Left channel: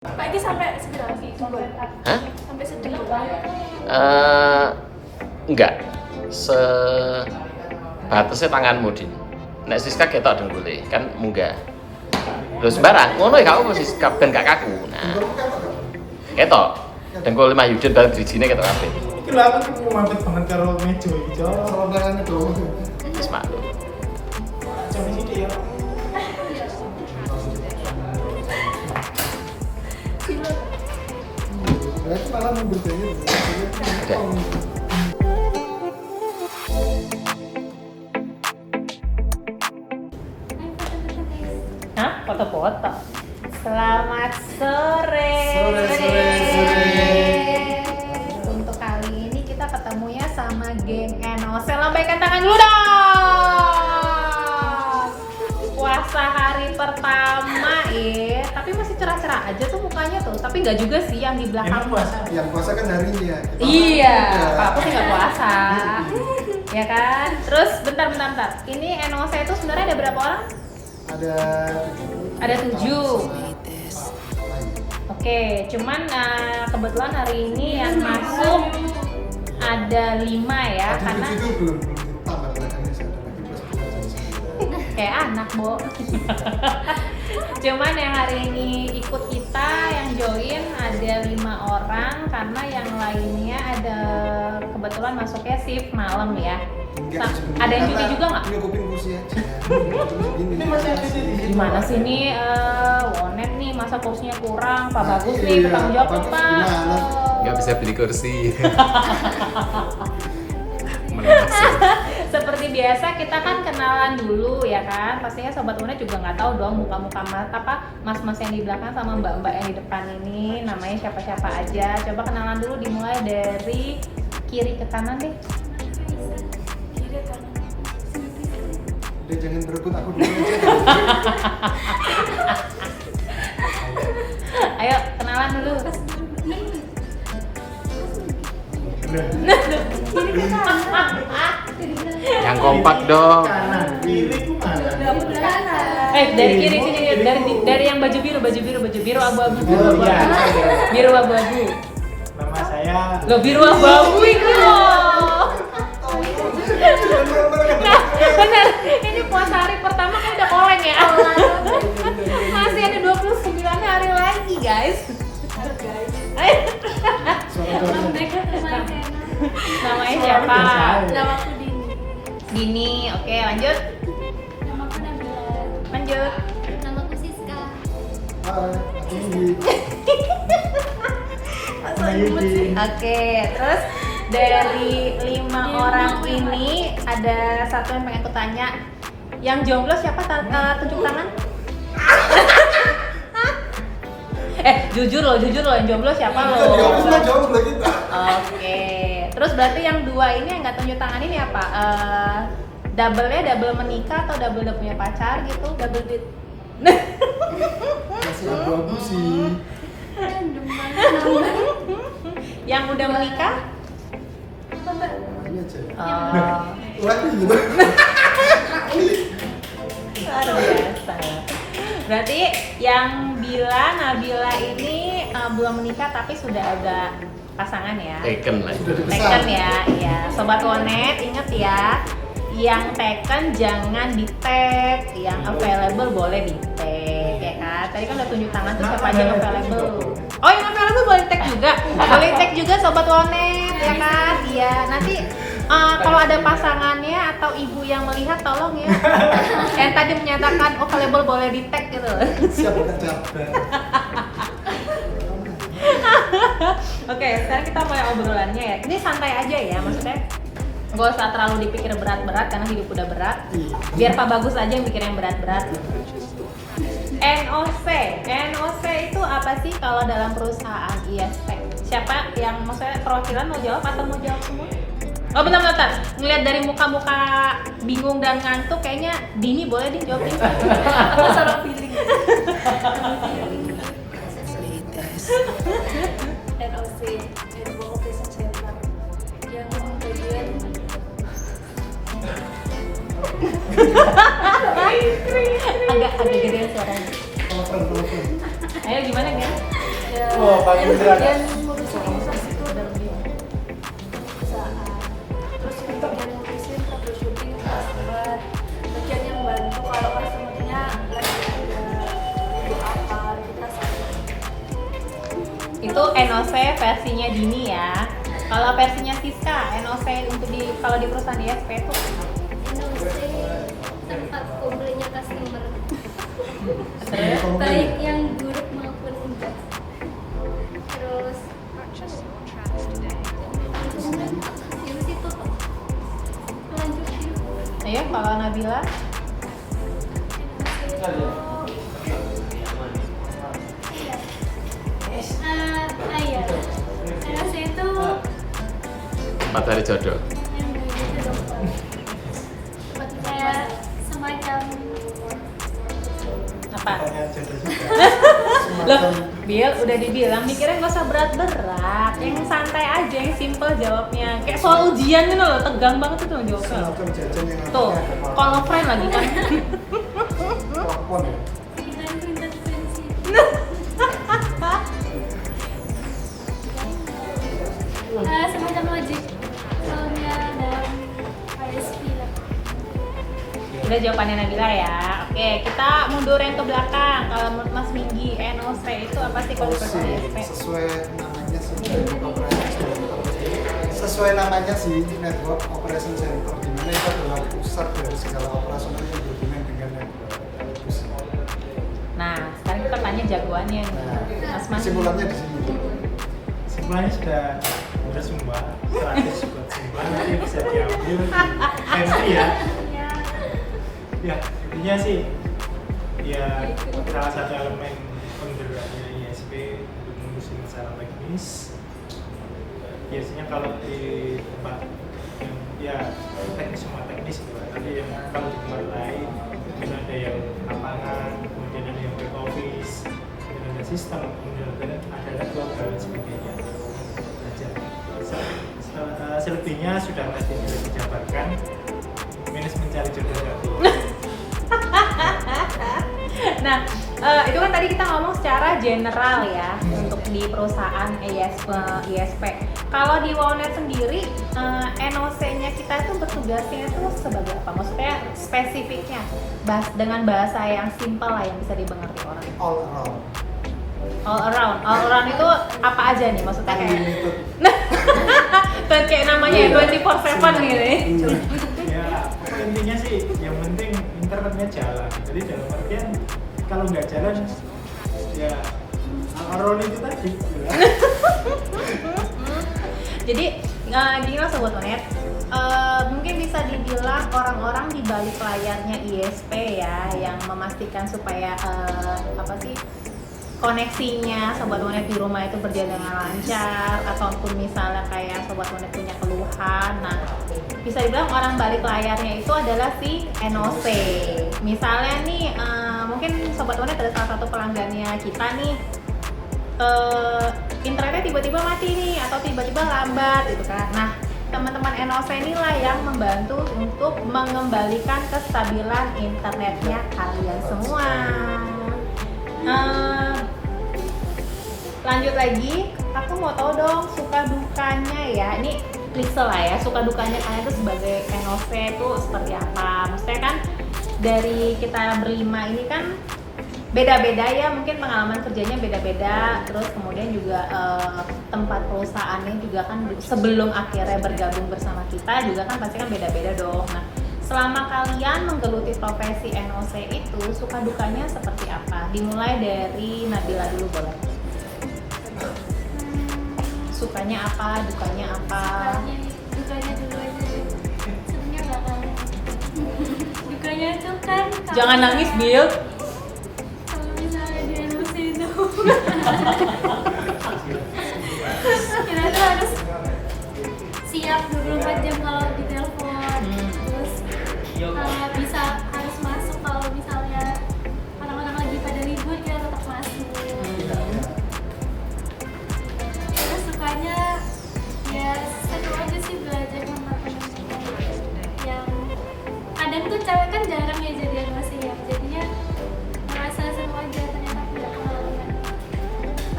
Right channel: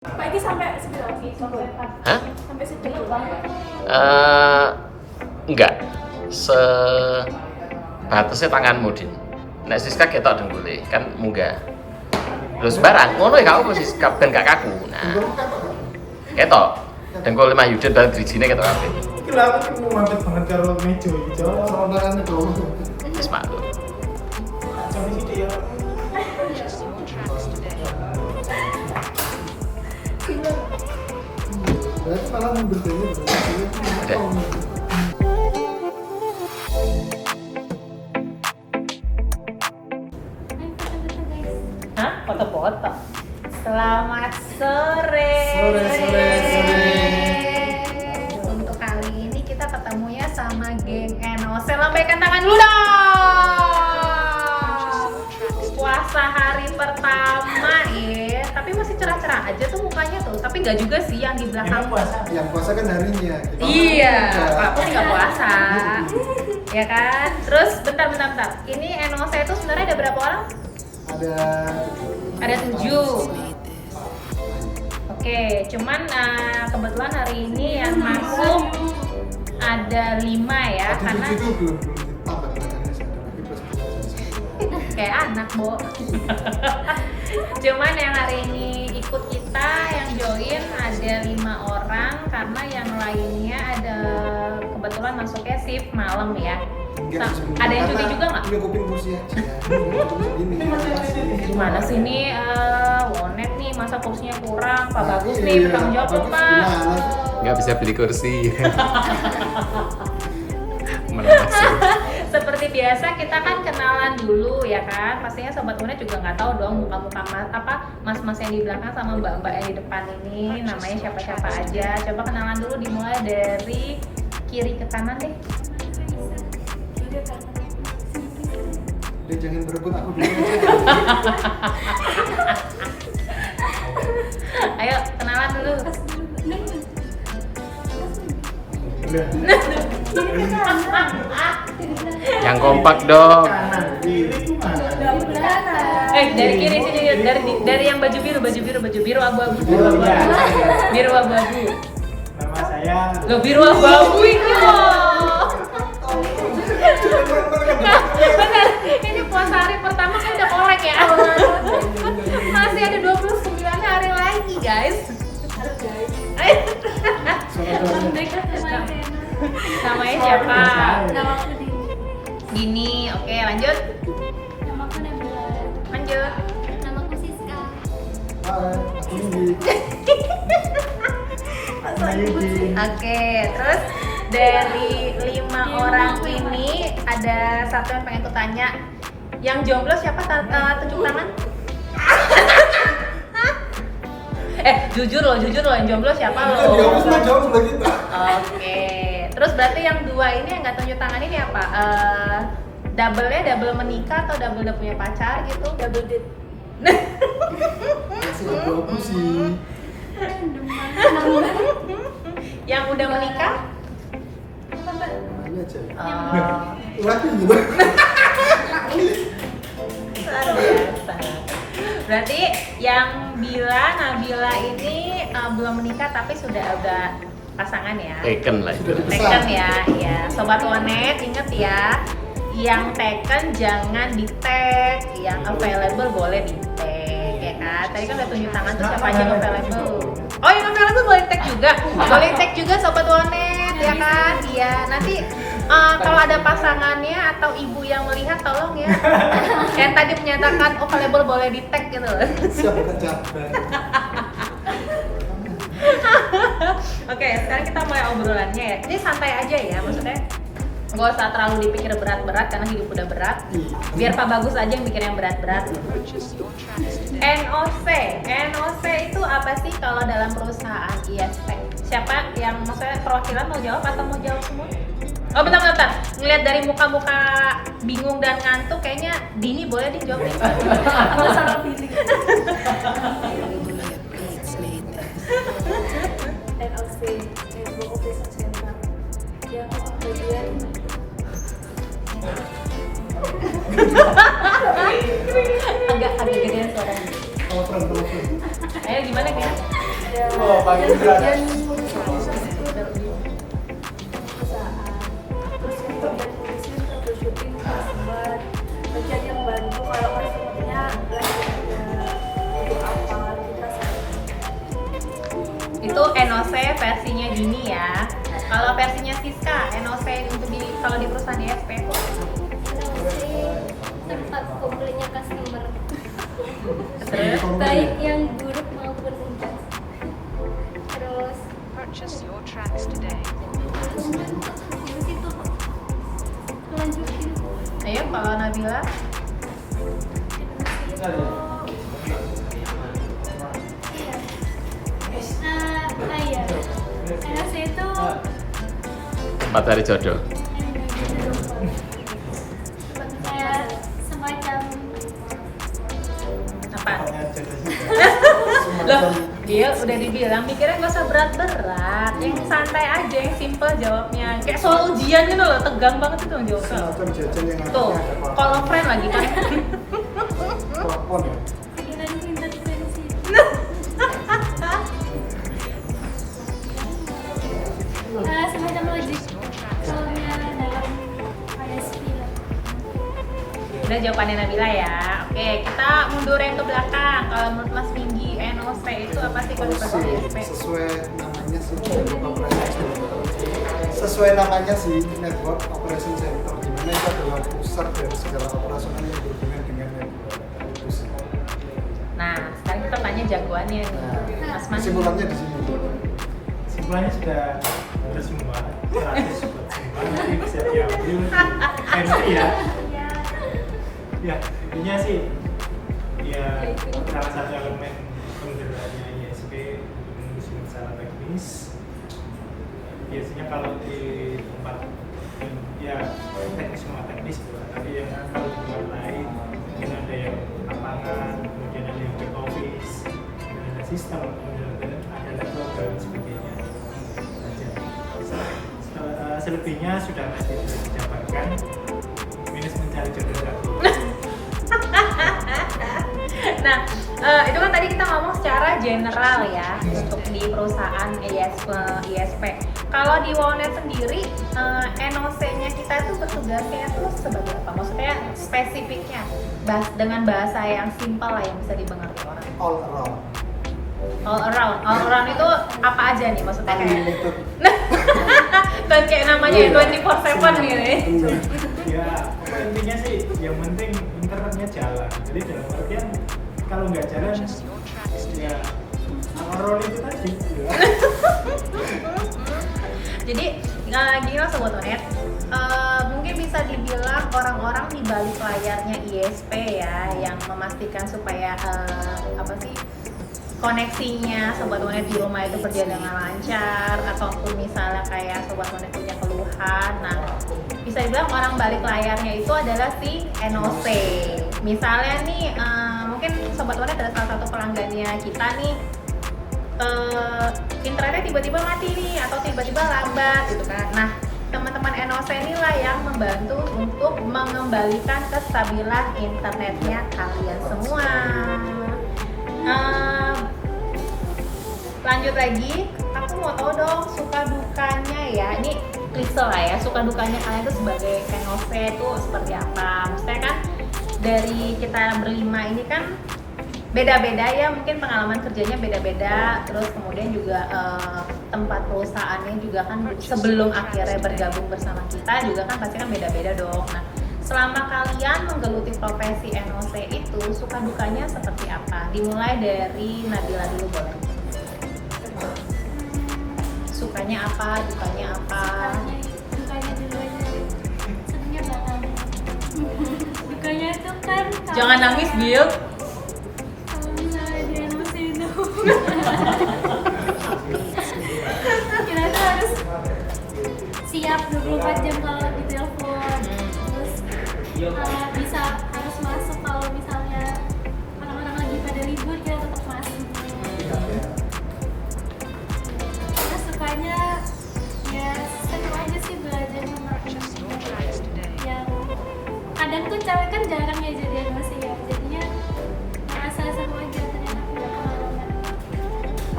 Pak ini sampai seberapa sih? Hah? Sampai seberapa? Enggak. Sebatasnya tanganmu, Din. Nek Siska ketok dengkule, kan munggah. Lho sembarang, ngono ya gak apa Siska ben gak kaku. Nah. Ketok. Dengkul Mas Yudin bareng drijine ketok kabeh. Iki lho aku mau mampet banget karo meja iki, Cok. Saudarane tuh. Wis maklum. Jam iki ya. Berarti malah mundur banget. Ada. Hah? Foto-foto? Selamat sore. Sore. Untuk kali ini kita ketemunya sama geng NOC. Lambaikan tangan dulu dong. Puasa hari pertama ya. Tapi masih cerah-cerah aja tuh mukanya tuh. Tapi nggak juga sih yang di belakang. Emang puasa? Yang puasa kan harinya. Kita Iya, enggak. Pak pun nggak puasa. Ya kan? Terus bentar. Ini NOC itu sebenarnya ada berapa orang? Ada Ada 7. Oke, cuman kebetulan hari ini yang masuk ada 5 ya, Tadi karena 7 itu belum ditambah belakangnya sih, ada lagi plus 2 jam 9. kayak anak, Bo. Cuman yang hari ini ikut kita yang join ada 5 orang karena yang lainnya ada kebetulan masuknya shift malam ya. Enggak Nah, sebenarnya, ada yang karena cuti juga nggak? nyukupin kursi aja. Terus gini. Gimana sih nih Wonet nih masa kursinya kurang, Pak Nah, Bagus iya, nih tanggung jawab Pak Bagus Mas. gimana? Enggak bisa beli kursi. Menasih. Seperti biasa kita kan kenalan dulu ya kan. Pastinya sobat Wonet juga nggak tahu dong muka-muka mas-mas yang di belakang sama mbak-mbak yang di depan ini namanya siapa-siapa aja. Coba kenalan dulu dimulai dari kiri ke kanan deh. Tidak kan? Udah jangan berebut aku dulu aja. Ayo kenalan dulu. Udah. Yang kompak dong. Kanan, kiri ku mana? Di belakang. Dari kiri sini dari yang baju biru abu-abu. Biru ya. Biru abu-abu. Nama saya Lo biru abu-abu itu loh. Bener, ini puasa hari pertama kan udah orang ya. Masih ada 29 hari lagi guys. Namanya siapa? Nama aku Dini. Dini, oke lanjut. Nama aku Nabila. Lanjut. Nama aku Siska. Hai, aku Indi. Yudin. Oke, terus dari 5 orang ini ada satu yang pengen aku tanya. Yang jomblo siapa? Tunjuk tangan. Jujur loh yang jomblo siapa Kita lo? jawab semua jawab sebelah kita. Oke. Terus berarti yang 2 ini yang nggak tunjuk tangan ini apa? Double menikah atau double udah punya pacar gitu? Double date. Masih abu-abu sih. Random banget. Yang udah menikah? Apa mbak? Namanya aja. Oh. Lagi gitu. Berarti yang Nabila ini belum menikah tapi sudah ada pasangan ya? Taken lah itu. Sudah dipesan. Taken ya, ya. Sobat Wonet inget ya, yang taken jangan di tag, yang available boleh di tag, ya kan? Tadi kan udah tunjuk tangan tuh siapa aja yang available. Oh yang available boleh tag juga, boleh tag juga Sobat Wonet, ya kan? Iya. Nanti kalau ada pasangannya atau ibu yang melihat tolong ya. Yang tadi menyatakan available boleh di tag gitu. Siap berjabat. Oke, sekarang kita mulai obrolannya ya. Ini santai aja ya, maksudnya gak usah terlalu dipikir berat-berat karena hidup udah berat. Iya. Biar Pak Bagus aja yang pikir yang berat-berat. NOC itu apa sih kalau dalam perusahaan ISP? Siapa yang maksudnya perwakilan mau jawab atau mau jawab semua? Oh bentar. Ngeliat dari muka-muka bingung dan ngantuk kayaknya Dini boleh dijawabin. Apa salah pilih? NOC, Network Operation Center. Yang bagian Agak gedean suaranya. Telepon. Ayo gimana ya? ada Wah, paling yang berat. bagian ngurusin proses itu perusahaan, terus yang bagian ngurusin troubleshooting customer, bagian yang bantu kalau customernya lagi ada butuh apa kita sama. Itu NOC versinya Dini ya. Kalau versinya Siska, NOC untuk kalau di perusahaan ISP itu NOC tempat komplainnya customer, Sering komplain. baik yang buruk maupun enggak. Terus Purchase your tracks today. ya situ lanjutin. ayo kalau Nabila NOC itu iya. Iya. NOC itu Tempat cari jodoh. yang kayak gitu dong Pak. Kayak semacam apa? Pertanyaan jodoh juga. Loh, dia udah dibilang mikirnya gak usah berat-berat, yang santai aja, yang simple jawabnya. Kayak soal ujian gitu loh, tegang banget itu jawabnya. Semacam jajan yang Tuh, akhirnya ada kalau friend lagi kan. plafon ya. pintar prinsip. Semacam logik soalnya dalam ISP lah. Udah jawabannya Nabila ya. Oke, kita mundur yang ke belakang. Kalau menurut Mas Minggi, NOC itu apa sih kalau OC ISP? sesuai namanya sih Network Operation Center. Sesuai namanya sih Network Operation Center, di mana itu adalah pusat dari segala operasional yang berhubungan dengan network. Itu sih. Nah, sekarang kita tanya jagoannya nih. Nah, Mas Mas. kesimpulannya di sini. Semuanya sudah beres semua, 100 buat semua, nanti bisa diambil di MT ya. Ya, Ya, intinya sih ya salah satu elemen penggeraknya ISP untuk mengurusi masalah teknis. Biasanya kalau di tempat yang ya teknis semua teknis gitu kan. Tapi yang kalau di tempat lain mungkin ada yang lapangan, kemudian ada yang back office, kemudian ada sistem, kemudian ada network dan sebagainya. Saja. Selebihnya sudah tadi sudah dijabarkan. Minus mencari jodoh satu. Nah, itu kan tadi kita ngomong secara general ya untuk di perusahaan ISP. Kalau di Wonet sendiri, NOC-nya kita itu bertugasnya itu sebagai apa? Maksudnya spesifiknya, dengan bahasa yang simpel lah yang bisa dimengerti orang. All around. All around itu apa aja nih maksudnya? Unlimited. Dan kayak namanya 24/7 gitu. Ya, intinya sih yang penting internetnya jalan. Jadi dalam artian kalau nggak jalan Purchase your tracks today. ya Arol itu tadi ya. Jadi gini lah Sobat Onet, mungkin bisa dibilang orang-orang di balik layarnya ISP ya yang memastikan supaya apa sih koneksinya Sobat Onet di rumah itu berjalan dengan lancar, ataupun misalnya kayak Sobat Onet punya keluhan. Nah, bisa dibilang orang balik layarnya itu adalah si NOC. Misalnya nih, mungkin Sobat Onet ada salah satu pelanggannya kita nih, internetnya tiba-tiba mati nih atau tiba-tiba lambat gitu kan. Nah, teman-teman NOC inilah yang membantu untuk mengembalikan kestabilan internetnya kalian semua. Lanjut lagi, aku mau tahu dong suka dukanya ya. Ini klise lah ya, suka dukanya kalian itu sebagai NOC itu seperti apa? Maksudnya kan dari kita berlima ini kan beda-beda ya, mungkin pengalaman kerjanya beda-beda, terus kemudian juga tempat perusahaannya juga kan sebelum akhirnya bergabung bersama kita juga kan pasti kan beda-beda dong. Nah, selama kalian menggeluti profesi NOC itu suka dukanya seperti apa? Dimulai dari Nabila dulu boleh. Sukanya apa, dukanya apa? Dukanya dulu aja. Sebenarnya belakangan. Dukanya itu kan Jangan nangis, Bill. kalau misalnya di NOC itu kita tuh harus siap 24 jam kalau ditelepon, terus bisa harus masuk kalau misalnya orang-orang lagi pada libur kita tetap masuk. Iya, iya. Terus sukanya ya seru aja sih belajar Purchase your tracks today. yang kadang tuh cewek kan jarang ya jadi masih ya, jadinya merasa seru aja ternyata punya pengalaman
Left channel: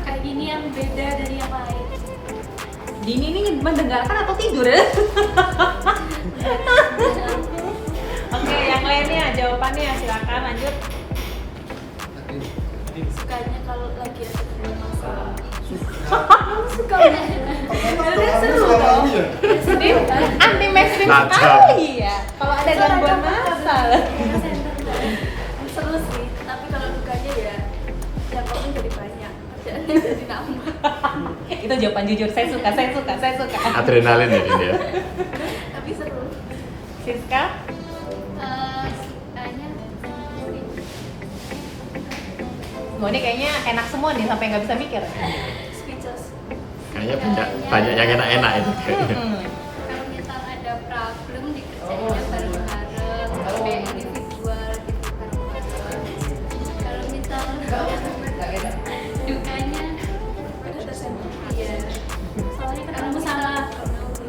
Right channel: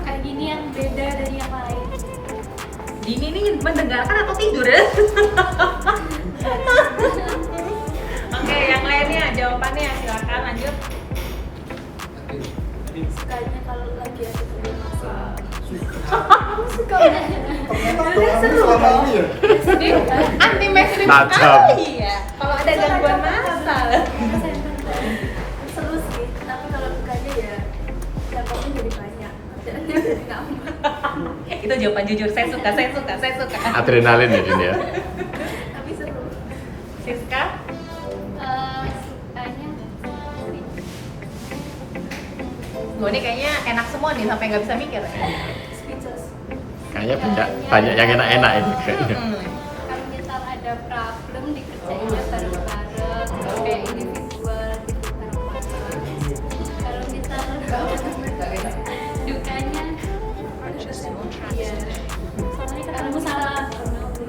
kayak gini Ini yang beda dari yang lain. Dini ini mendengarkan atau tidur ya? Oke, yang lainnya jawabannya silakan lanjut. Jadi Sukanya kalau lagi ada kerja masalah. Kamu suka nggak? Ternyata doamu selama ini ya. Jadi anti mainstream Tajam. sekali ya. Kalau ada Soalnya gangguan kan masa. Karena center kan seru sih, tapi kalau dukanya ya jangkauannya jadi banyak, kerjaannya jadi nambah. Itu jawaban jujur, saya suka. Adrenalin ya Din ya. Tapi seru. Siska? Sukanya Wah, ini kayaknya enak semua nih sampai nggak bisa mikir. Speechless. Kayaknya banyak yang enak-enak ini kayaknya. kalau misal ada problem dikerjainnya bareng-bareng, nggak kayak individual gitu bareng-bareng. Kalau misal dukanya Purchase your tracks iya. today. Soalnya ketemu sama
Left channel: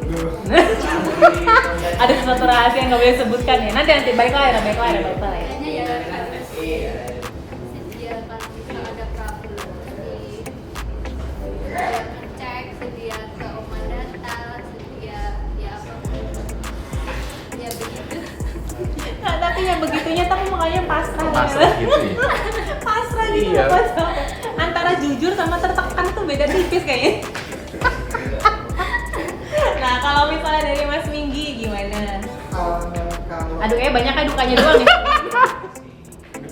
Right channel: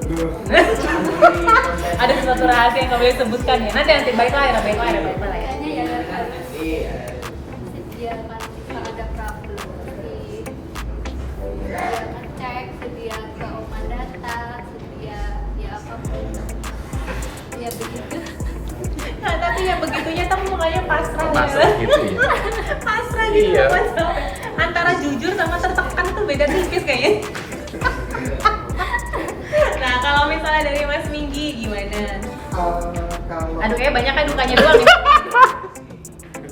Duh. Ada sesuatu rahasia yang nggak boleh sebutkan ya. Nanti baik lagi. kayaknya ya harus sedia kalau misal ada problem sedia ngecek, sedia ke oma data, sedia ya apapun ya begitu. Nah, tapi yang begitunya tapi makanya pasrah. Pasrah gitu ya. Pasrah gitu. Iya. Pasrah. Antara jujur sama tertekan tuh beda tipis kayaknya. Nah, kalau misalnya dari Mas Minggi gimana? Kalau Aduh, banyak kan dukanya doang nih.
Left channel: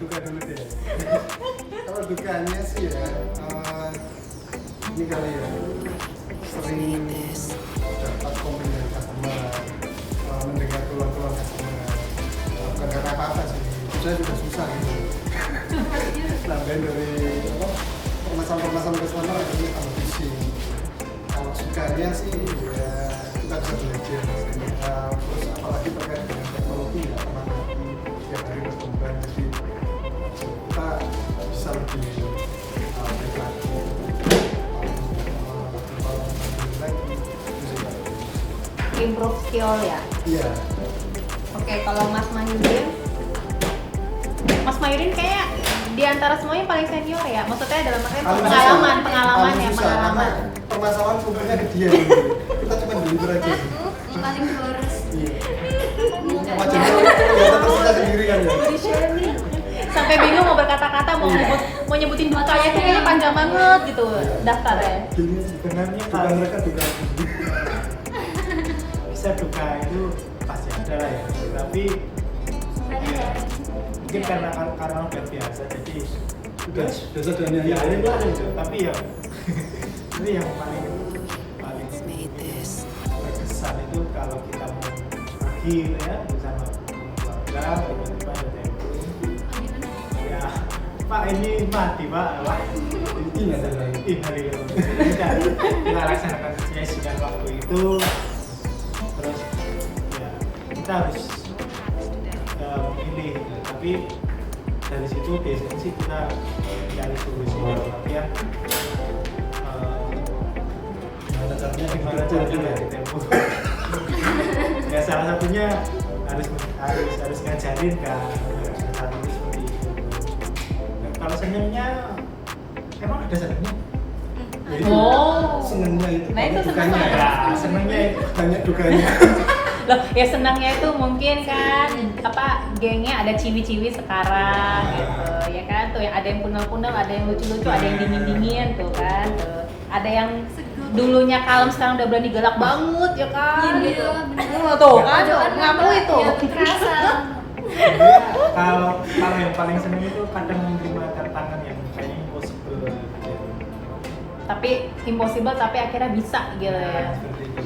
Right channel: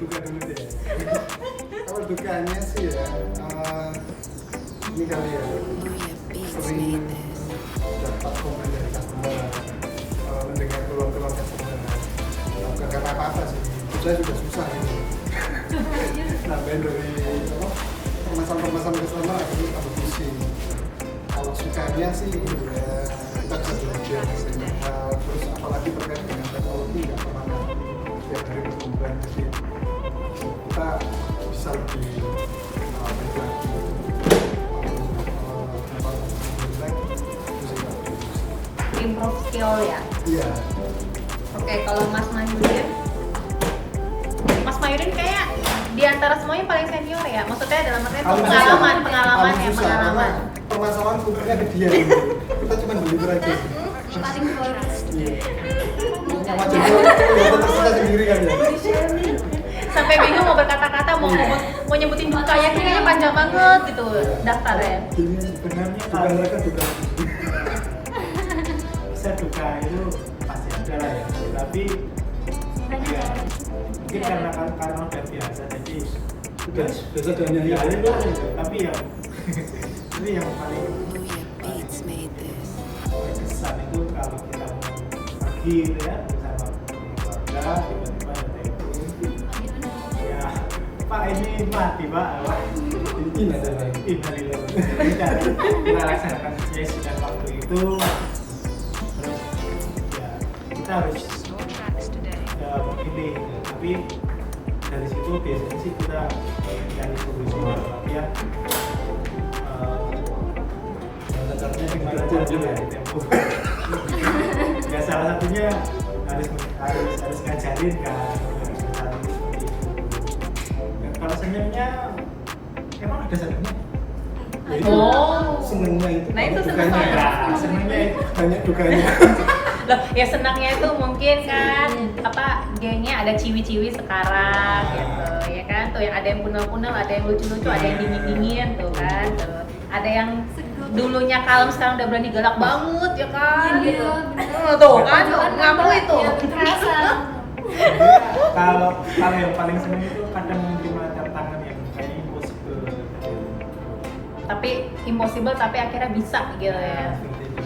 duka dulu deh. Kalau dukanya sih ya, ini kali ya sering dapat komen dari customer, mendengar keluhan-keluhan customer. Bukan karena apa-apa sih, saya juga susah gitu. Nambahin dari apa permasalahan customer akhirnya tambah pusing. Kalau sukanya sih ya kita bisa belajar banyak hal, terus apalagi terkait dengan teknologi nggak pernah mati, tiap hari berkembang, jadi kita bisa lebih baik lagi, lebih lagi, bisa lebih. Improve skill ya. Iya. Oke, kalau Mas Mayurin, Mas Mayurin kayak di antara semuanya paling secure ya. Maksudnya dalam arti Paling susah, pengalaman paling ya, susah karena pengalaman. permasalahan kumpulnya ke dia gitu. Kita cuma deliver aja. Paling boros. Iya. Sama jadi kelihatan tersisa sendiri kan ya. Sampai bingung mau berkata-kata mau nyebutin dukanya kayaknya panjang banget gitu daftarnya. Gini sebenarnya duga kalau mereka duga. saya duka itu pasti ada lah ya, tapi Sukanya ya. mungkin karena udah biasa jadi Sudah biasa dengan yang ya lain. itu ada itu, tapi yang paling berkesan itu kalau kita mau pergi gitu ya bersama keluarga, tiba-tiba ada telepon, ya Pak ini mati Pak, wah Ini ada lagi. innalillahi kita laksanakan sesi dan waktu itu, terus ya kita harus Your tracks today. memilih gitu. Tapi dari situ biasanya sih kita cari solusi dalam artian Gimana caranya gimana caranya di tempo. Ya salah satunya harus ngajarin kan, misalnya seperti itu. Dan kalau senangnya emang ada senangnya? Ya itu Oh. senengnya itu Nah, banyak itu dukanya. seneng Ya senangnya itu Banyak dukanya. Loh, ya senangnya itu mungkin kan apa gengnya ada ciwi-ciwi sekarang gitu, ya kan tuh yang ada yang punel-punel, ada yang lucu-lucu, ada yang dingin-dingin tuh kan tuh. Ada yang dulunya kalem sekarang udah berani galak banget ya kan Iya, gitu. bener. Tuh kan Pojokan ngamuk apa? itu. Ya, terasa. Dia kalau yang paling senang itu kadang menerima tantangan yang kayaknya impossible gitu. Tapi impossible tapi akhirnya bisa gitu Ya, ya. seperti itu.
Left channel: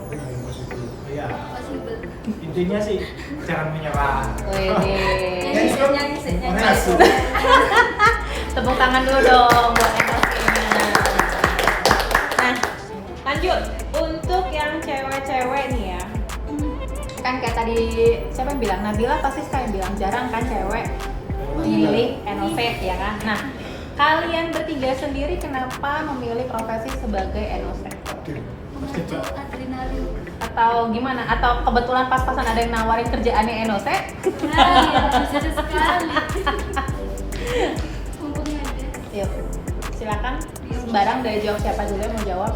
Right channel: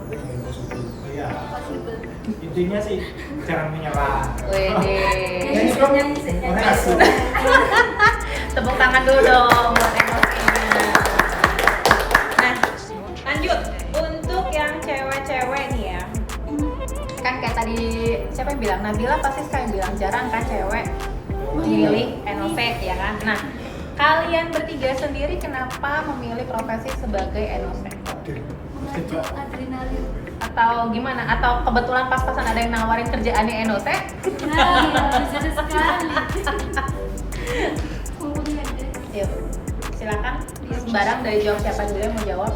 Tapi nggak impossible. Oh, ya, Possible. intinya sih jangan menyerah. Wih. Nyanyi sih. Makasih. Tepuk tangan dulu dong. Nah, lanjut untuk yang cewek-cewek nih ya. Kan kayak tadi siapa yang bilang? Nabila pasti sekalian bilang jarang kan cewek memilih NOV ya kan. Nah, kalian bertiga sendiri kenapa memilih profesi sebagai NOV? Adil. Memacu adrenalin. Atau gimana? Atau kebetulan pas-pasan ada yang nawarin kerjaannya NOC? Nah, lucu sekali. Mumpung ada. Yuk, silakan. Sembarang dari jawab siapa dulu yang mau jawab?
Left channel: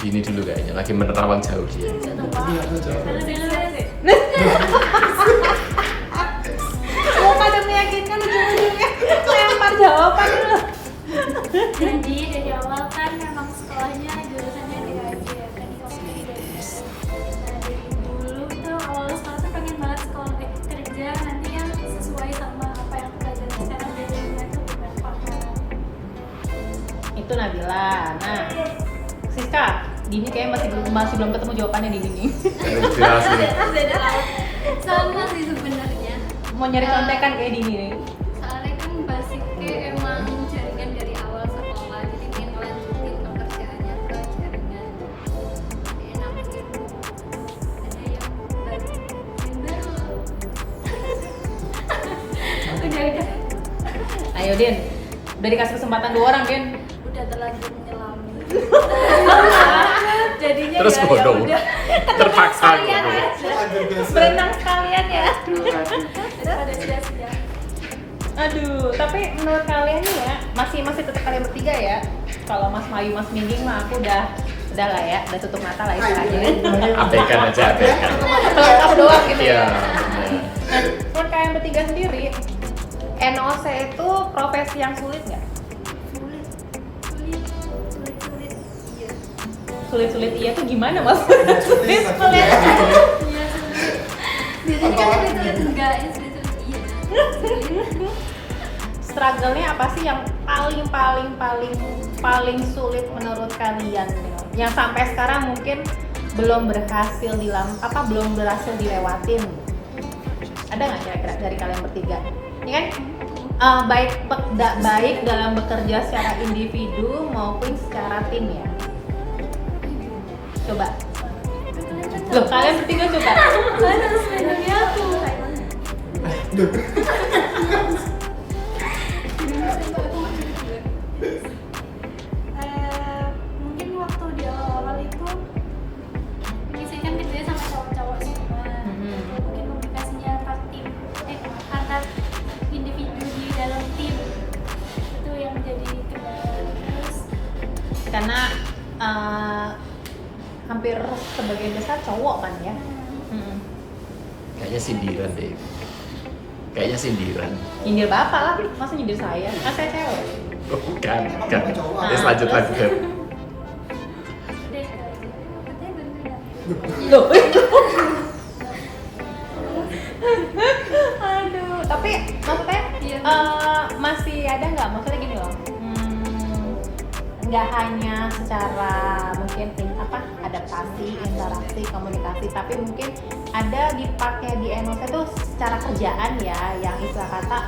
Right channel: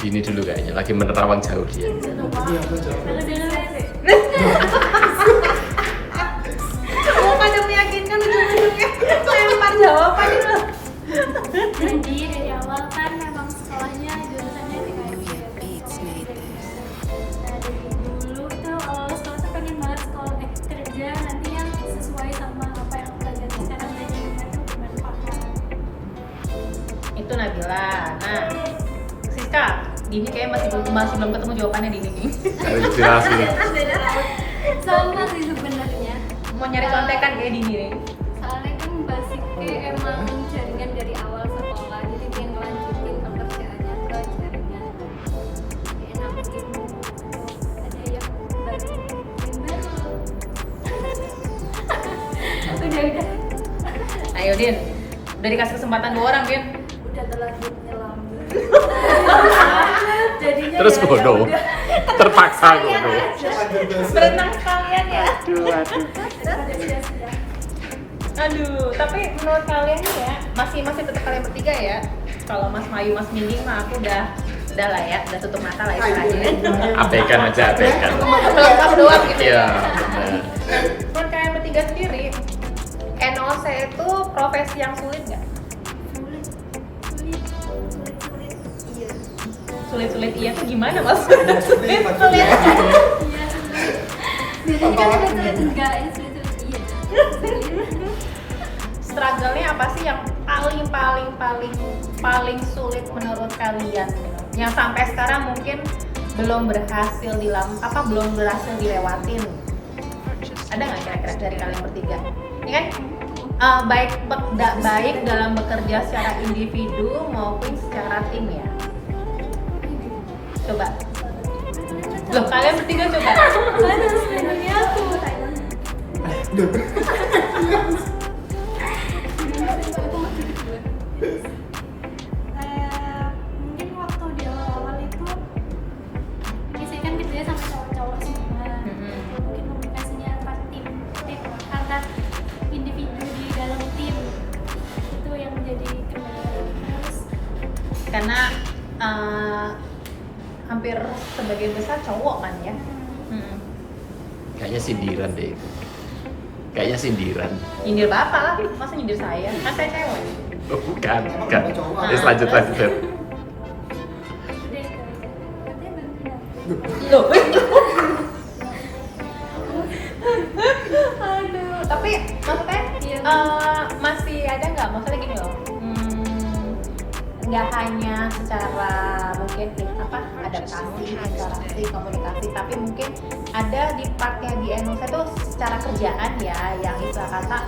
Ini dulu kayaknya lagi menerawang jauh dia. Iya, aku jawab. Kalau dulu Ada meyakinkan dulunya. Lempar jawaban dulu. jadi dari awal kan memang sekolahnya jurusannya TKJ kan komputer. Nah dari dulu itu awal sekolah tuh pengen banget sekolah kerja nanti yang sesuai sama apa yang pelajaran sekarang di dunia tuh bermanfaat. Itu Nabila. Nah, Siska, Dini kayaknya masih belum ketemu jawabannya di Dini. Cari inspirasi. Sama sih sebenarnya. Mau nyari contekan kayak Dini ya. Soalnya kan basicnya emang jaringan dari awal sekolah, jadi pengen ngelanjutin pekerjaannya ke jaringan. Jadi enak gitu. Ada yang baru loh. Udah. Ayo Din, udah dikasih kesempatan 2 orang Din. Udah terlanjur nyelami. Jadinya Terus ya bodoh. udah. Terpaksa bodoh. Lanjut biasa. Berenang sekalian ya. Aduh. Daripada sia-sia. Aduh, tapi menurut kalian nih ya, masih tetap kalian bertiga ya. Kalau Mas Mayu, Mas Mingging mah aku udah lah ya, udah tutup mata lah istilahnya. Abaikan aja, abaikan. Pelengkap doang gitu. Iya, benar. Menurut kalian bertiga sendiri, NOC itu profesi yang sulit nggak? Sulit. Iya. Sulit iya tuh gimana maksudnya? Sulit maksudnya. Iya sulit. Biasanya kan sulit enggak, ya sulit iya. Sulit. Struggle-nya apa sih yang paling sulit menurut kalian? Yang sampai sekarang mungkin belum berhasil dilewatin. Ada nggak kira-kira dari kalian bertiga? Ini kan baik dalam bekerja secara individu maupun secara tim ya. Coba. Loh, kalian bertiga coba. Kan harus melindungi aku. Mungkin waktu di awal-awal itu biasanya kan kerjanya sama cowok-cowok semua. Mungkin komunikasinya antar tim, antar individu di dalam tim itu yang menjadi kendala. Terus Karena hampir sebagian besar cowok kan ya. Kayaknya sindiran deh. Kayaknya sindiran. Nyindir bapak lah, masa nyindir saya? Kan saya cewek. Oh, bukan. Emang cowok. Terus lanjut. udah ke katanya bantuin aku. Loh. Aduh, tapi maksudnya Iya. masih ada nggak? Maksudnya gini loh, nggak hanya secara mungkin adaptasi, interaksi, komunikasi, tapi mungkin ada di partnya di Indonesia tuh secara kerjaan ya, yang istilah kata,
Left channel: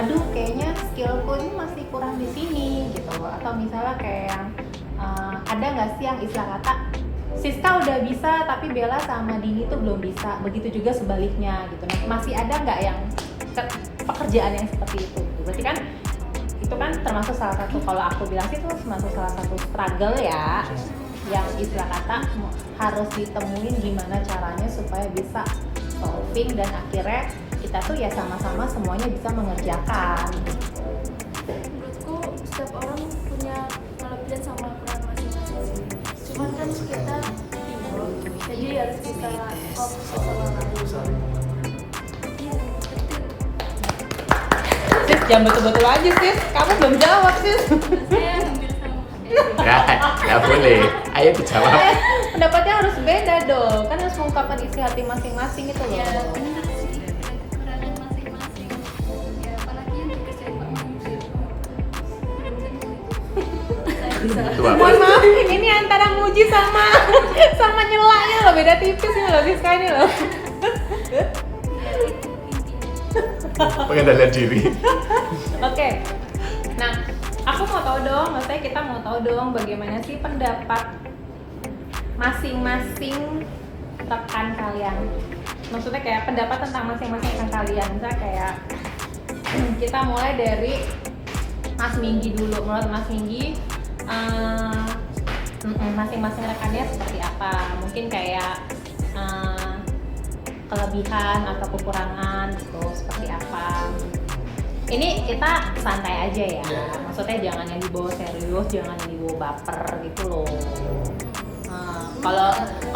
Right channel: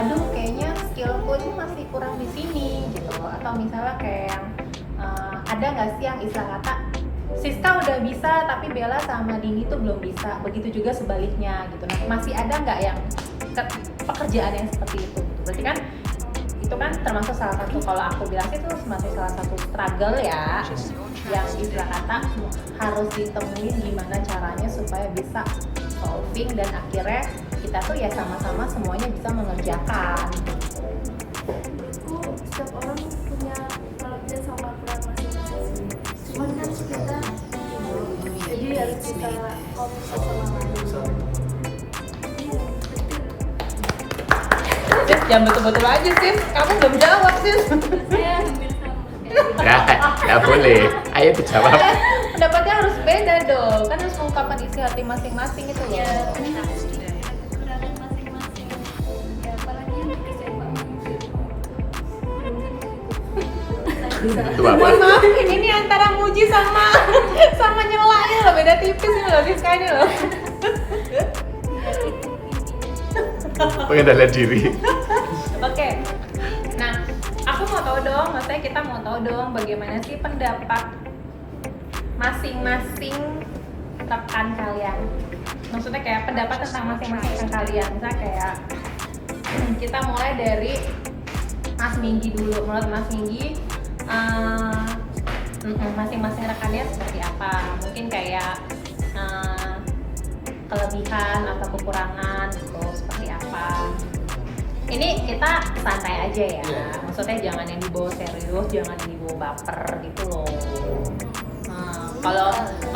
aduh kayaknya skillku itu masih kurang di sini gitu, atau misalnya kayak ada nggak sih yang istilah kata Siska udah bisa tapi Bella sama Dini tuh belum bisa, begitu juga sebaliknya gitu. Masih ada nggak yang pekerjaan yang seperti itu? Berarti kan itu kan termasuk salah satu, kalau aku bilang sih itu termasuk salah satu struggle ya, yang istilah kata harus ditemuin gimana caranya supaya bisa solving dan akhirnya kita tuh ya sama-sama semuanya bisa mengerjakan. Menurutku setiap orang punya kelebihan sama kekurangan masing-masing sih. Cuman kan kita teamwork, jadi harus bisa fokus sama lain. Saling membantu. Iya, betul. Sis, jangan betul-betul aja Sis, kamu belum jawab Sis. Saya hampir sama kayak Nggak boleh. Ayo dijawab. Pendapatnya harus beda dong, kan harus mengungkapkan isi hati masing-masing itu loh. ya benar sih, ada kekurangan masing-masing. Ya apalagi yang dikerjain Pak Menteri itu belum tentu Itu apa? Ini antara Muji sama nyelanya loh, beda tipis loh di sekali loh. ya itu intinya. Pengendalian diri. Oke, nah aku mau tahu dong, maksudnya kita mau tahu dong bagaimana sih pendapat masing-masing rekan kalian. Maksudnya kayak pendapat tentang masing-masing rekan kalian. Misalnya kayak kita mulai dari Mas Minggi dulu. Menurut Mas Minggi, masing-masing rekannya seperti apa? Mungkin kayak kelebihan atau kekurangan gitu, seperti apa? Ini kita santai aja ya. Iya. Maksudnya jangan yang dibawa serius, jangan yang dibawa baper gitu loh.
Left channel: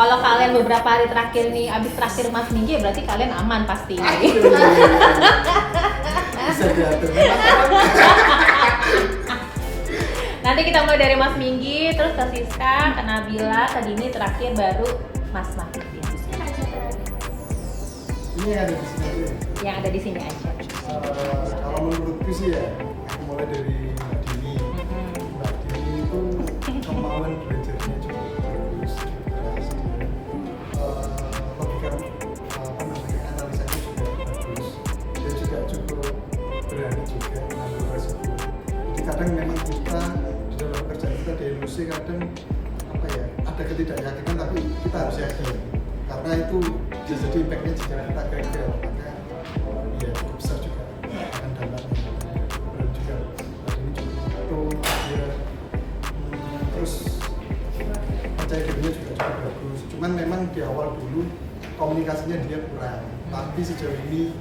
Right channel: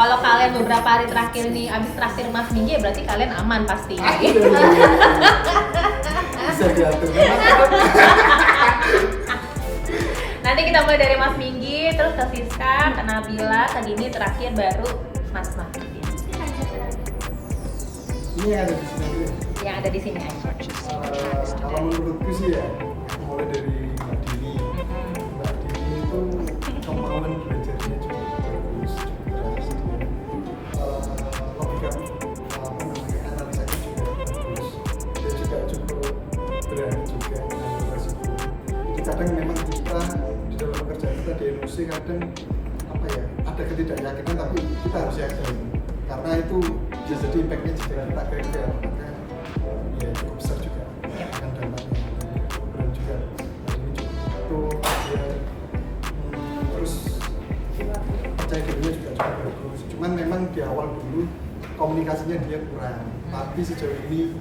Kalau kalian beberapa hari terakhir nih, abis terakhir Mas Minggi ya berarti kalian aman pasti. Bisa diatur. Nanti kita mulai dari Mas Minggi, terus ke Siska, ke Nabila, ke Dini, terakhir baru Mas Mahdi. Ini lanjut terakhir. Ini yang ada di sini aja. Yang ada di sini aja. Kalau menurutku sih ya, aku mulai dari Mbak Dini. Mbak Dini itu kemauan belajarnya cukup bagus, keras dia. Logika analisanya juga bagus. Dia juga cukup berani juga mengambil resiko. Jadi kadang memang kita di dalam pekerjaan kita di NOC kadang ada ketidakyakinan tapi kita harus yakin karena itu bisa jadi impactnya jika kita gagal maka ya cukup besar juga akan dampaknya. Dan juga tadi ini cukup dia terus percaya dirinya juga cukup bagus. Cuman memang di awal dulu komunikasinya dia kurang, tapi sejauh ini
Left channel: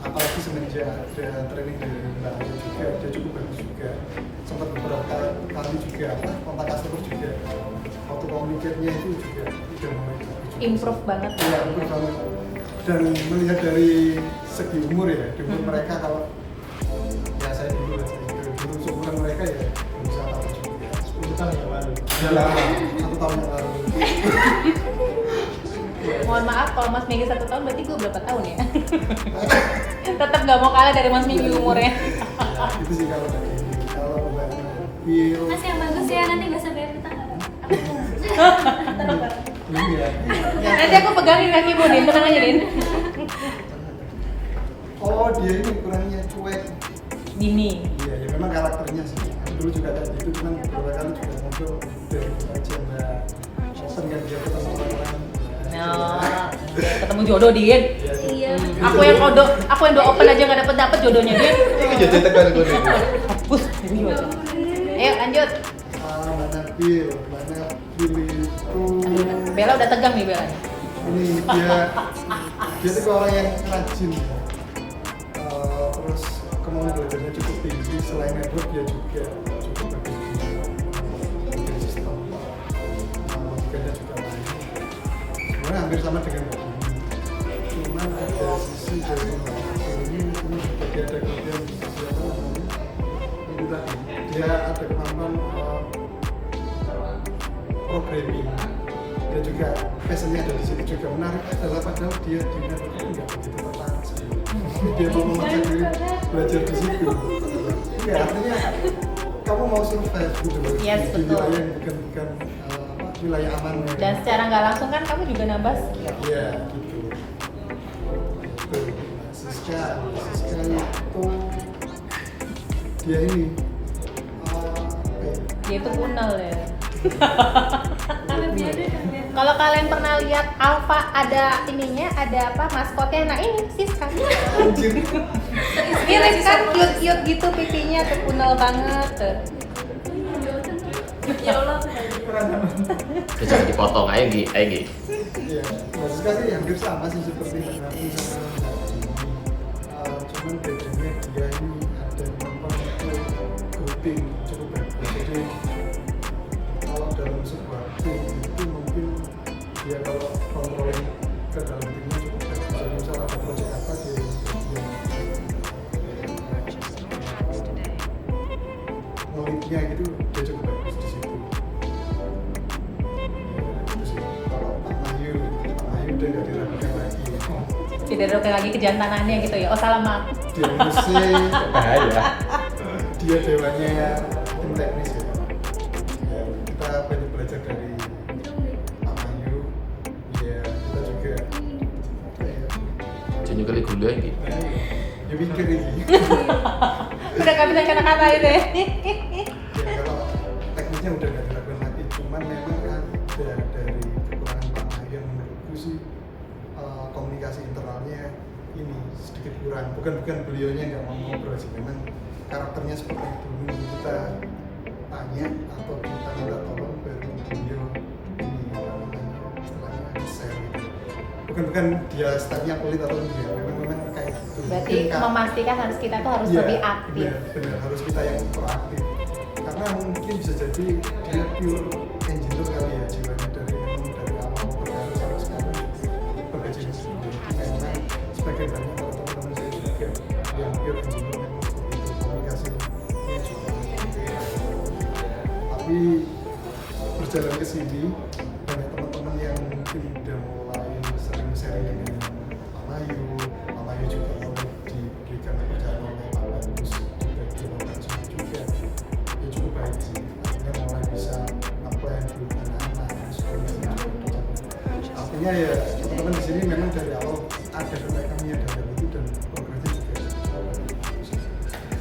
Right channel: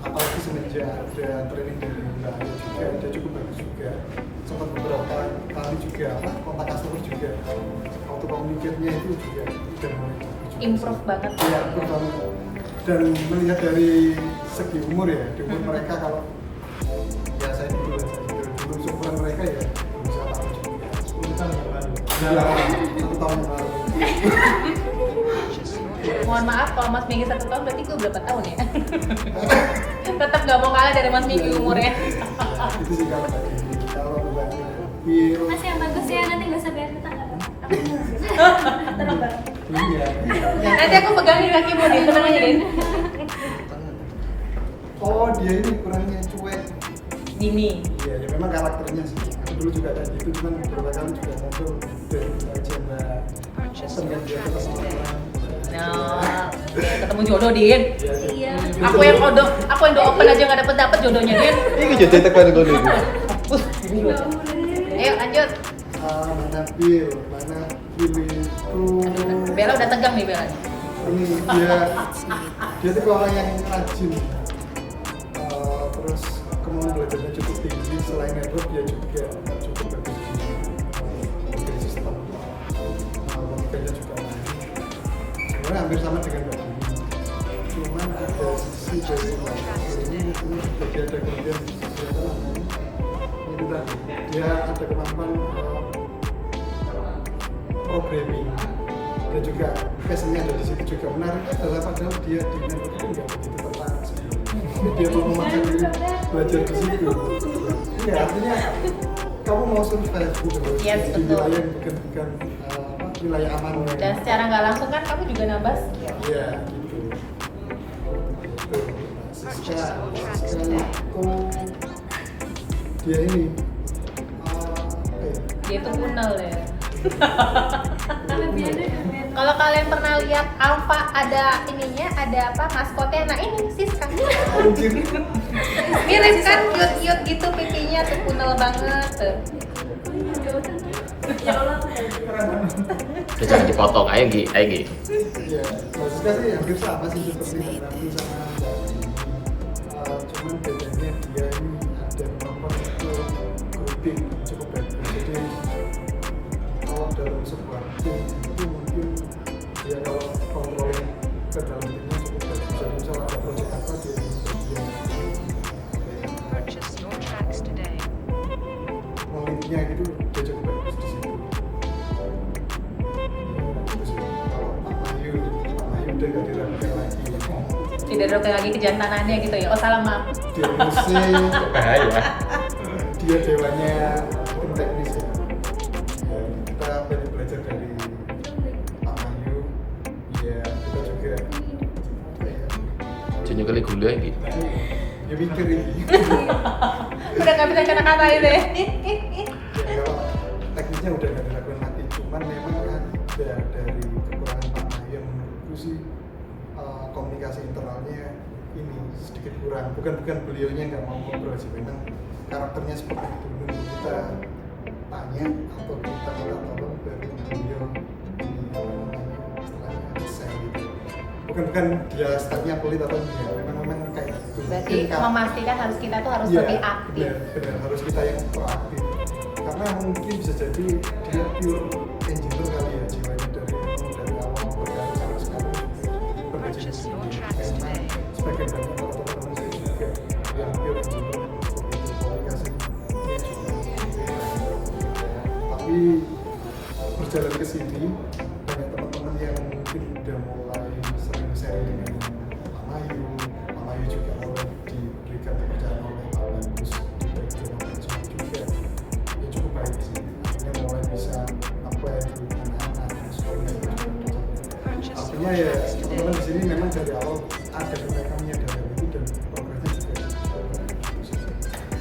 apalagi semenjak ada training dari Mbak Aya juga dia cukup bagus juga. Sempat beberapa kali juga kontak customer juga auto communicate-nya itu juga udah mulai Improve banget. Iya, improve banget. Dan melihat dari segi umur ya, di umur mereka kalau ya saya dulu seumuran mereka ya belum bisa apa juga. 10 tahun yang lalu. Ya, 1 tahun yang lalu. Mohon maaf kalau Mas Minggi 1 tahun berarti gue berapa tahun ya? Tetap nggak mau kalah dari Mas Minggi umurnya. Itu sih kalau tadi. Kalau Mbak Bil, Mas yang bagus ya, nanti gak usah bayar utang apa? iya. Nanti aku pegang di kaki Mas Minggi, tenang aja Din. Oh dia ini kurangnya cuek. Dini. Iya, ya memang karakternya sih. Aku dulu juga kayak gitu, cuman beberapa kali juga ngobrol dari dulu aja Mbak. Bosan kan dia ketemu orang-orang. Ketemu jodoh Din. Iya. Aku yang udah open aja nggak dapet jodohnya Din. Ini jodoh tekan gue nih. Ayo lanjut. Mana Bil itu Bella udah tegang nih Bella. ini dia tuh orang yang rajin. Terus kemauan belajarnya cukup tinggi. Selain network dia juga cukup bagus di sistem. Logikanya juga lain. Sebenarnya hampir sama dengan Mbak Dini. Cuman ada sisi dari Mbak Dini ini jadi ada kelebihan di sisi apa namanya itu tadi dia ada kemampuan programming dan juga passionnya ada di situ juga. Menariknya adalah padahal dia di network itu nggak begitu tertarik sebenarnya. Tapi dia mau memaksa diri belajar di situ. Ya artinya kamu mau survive gitu loh di wilayah yang bukan wilayah aman. Dan secara nggak langsung kan kamu juga nambah skill. Iya gitu. Siska itu dia ini Dia itu kunal ya. Kalau kalian pernah lihat Alpha ada ininya, ada apa maskotnya? Nah ini Siska. anjir. Dia kan cute gitu pipinya tuh kunal banget tuh. Ya Allah, aku Udah jangan dipotong, ayo Gi. Iya, Mbak Siska sih hampir sama sih seperti Mbak Nati sama Mbak Dini. Cuman bedanya dia ini ada kemampuan untuk grouping cukup bagus. Jadi kalau dalam sebuah tim itu mungkin dia kalau controlling ke dalam timnya cukup bagus. Jadi misalnya ada project apa dia Purchase your tracks today. ngelitnya gitu dia cukup bagus di situ. Ya, gitu sih. Kalau Pak Mayu udah nggak diragukan lagi. Tidak ada lagi kejantanannya gitu ya. Oh salah maaf. Dia musik, Bahaya. dia dewanya tim teknis ya. Ya kita banyak belajar dari Pak Mayu. Ya kita juga Junyo kali gula iki. ya mikir ini. Udah nggak bisa kata-kata itu ya. Ya kalau teknisnya udah nggak dilakukan lagi, cuman memang ada dari kekurangan Pak Mayu yang menurutku sih komunikasi internalnya ini sedikit kurang. Bukan beliaunya nggak mau ngobrol sih, memang karakternya seperti itu. Nunggu kita tanya atau kita minta tolong baru beliau ini apa namanya istilahnya share gitu. Bukan dia stylenya pelit atau enggak, memang kayak gitu. Berarti memastikan harus kita tuh harus Iya, lebih aktif. benar, harus kita yang proaktif. Karena mungkin bisa jadi dia pure engineer kali ya, jiwanya dari awal berkarir sampai sekarang berkecimpung sendiri. Memang sebagian banyak kalau teman-teman saya juga yang pure engineer memang seperti itu, komunikasinya juga tapi berjalan ke sini banyak teman-teman yang mungkin udah mulai sering sharing dengan Pak Mayu juga mulai diberikan kepercayaan oleh Pak Bagus di bagian operasional juga ya cukup baik sih, akhirnya mulai bisa apply buat anak-anak yang sekolahnya artinya ya teman-teman di sini memang dari awal ada mereka menyadari itu dan progresnya juga cukup baik.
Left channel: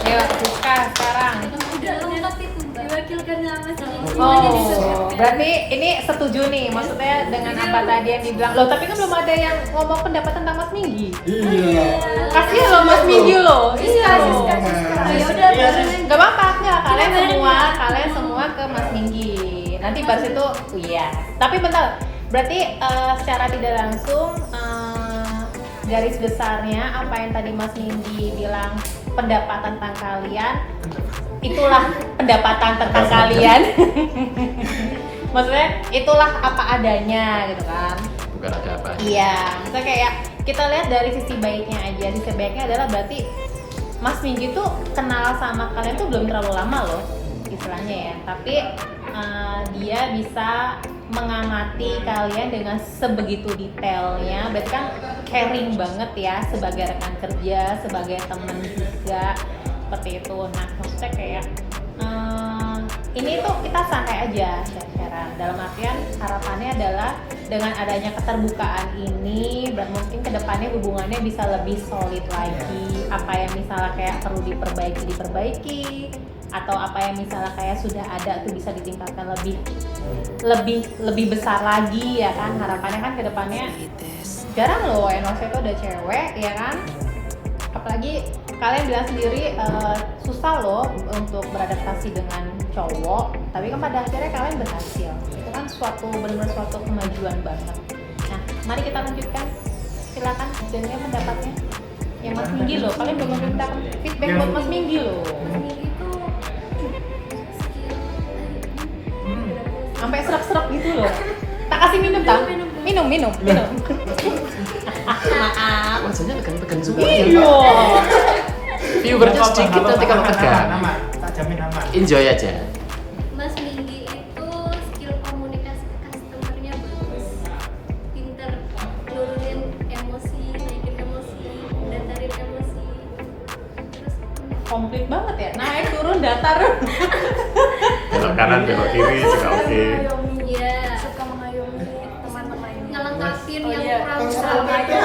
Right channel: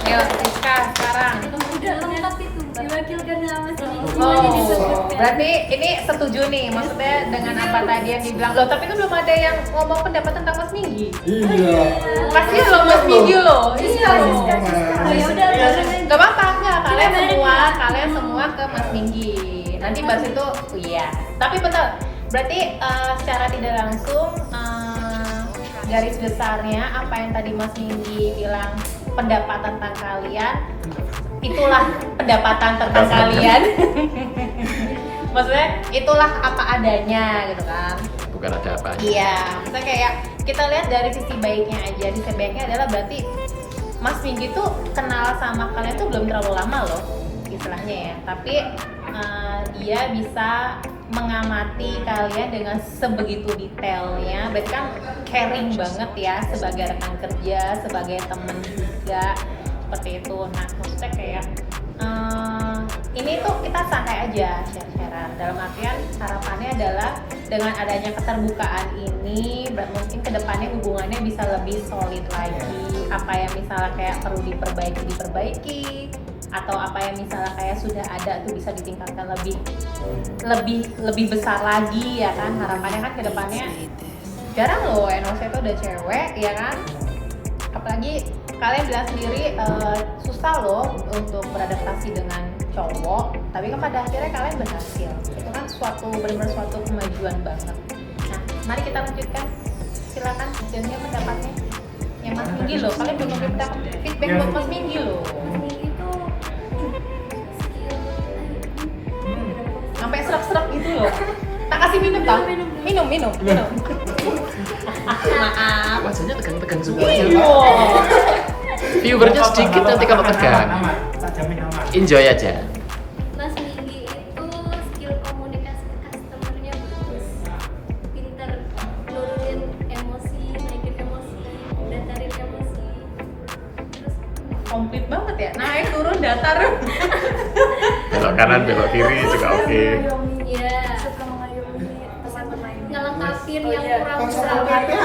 Ayo Siska sekarang. Udah lengkap itu Mbak. Diwakilkan sama sini. Oh, Semuanya disebutkan. berarti ini setuju nih, maksudnya dengan apa tadi yang dibilang. Loh, tapi kan belum ada yang ngomong pendapat tentang Mas Minggi. Iya. Kasih loh Mas Minggi loh. Siska. Oh, ya udah barengan. Gak apa-apa, enggak. Kita bareng ya. Kalian semua ke Mas Minggi. Nanti pas itu, iya. Tapi bentar, berarti secara tidak langsung garis besarnya apa yang tadi Mas Minggi bilang pendapat tentang kalian, itulah pendapatan tentang kalian. Maksudnya itulah apa adanya gitu kan. Bukan ada apa. Iya, maksudnya kayak kita lihat dari sisi baiknya aja. Sisi baiknya adalah berarti Mas Minggi tuh kenal sama kalian tuh belum terlalu lama loh istilahnya ya. Tapi dia bisa mengamati kalian dengan sebegitu detailnya. Berarti kan caring banget ya sebagai rekan kerja, sebagai teman juga seperti itu. Nah, maksudnya kayak ini tuh kita santai aja share-sharean. Dalam artian harapannya adalah dengan adanya keterbukaan ini mungkin kedepannya hubungannya bisa lebih solid lagi. Apa yang misalnya kayak perlu diperbaiki atau apa yang misalnya kayak sudah ada tuh bisa ditingkatkan lebih besar lagi ya kan. Harapannya kan kedepannya jarang loh NOC itu udah cewek ya kan, apalagi kalian bilang sendiri susah loh untuk beradaptasi dengan cowok, tapi kan pada akhirnya kalian berhasil. Itu kan benar-benar suatu kemajuan banget. Nah, mari kita lanjutkan, silakan hasilnya pendapatnya yang Mas Minggi loh. Kalian belum minta feedback buat Mas Minggi loh. Mas Minggi itu skill Sampai serap-serap gitu loh. Tak kasih minum dong. Minum. Maaf. Wajahnya tegang-tegang juga. Iya. Viewernya sedikit nanti kalau tegang. Aman, tak jamin aman. Enjoy aja. Mas Minggi itu skill komunikasi ke customernya bagus, pinter nurunin emosi, naikin emosi, datarin emosi, terus Komplit banget ya. Naik turun datar. Belok kanan, belok kiri juga oke. ya Suka mengayomi teman-temannya. ngelengkapin Oh, yang iya. kurang-kurang, PPA.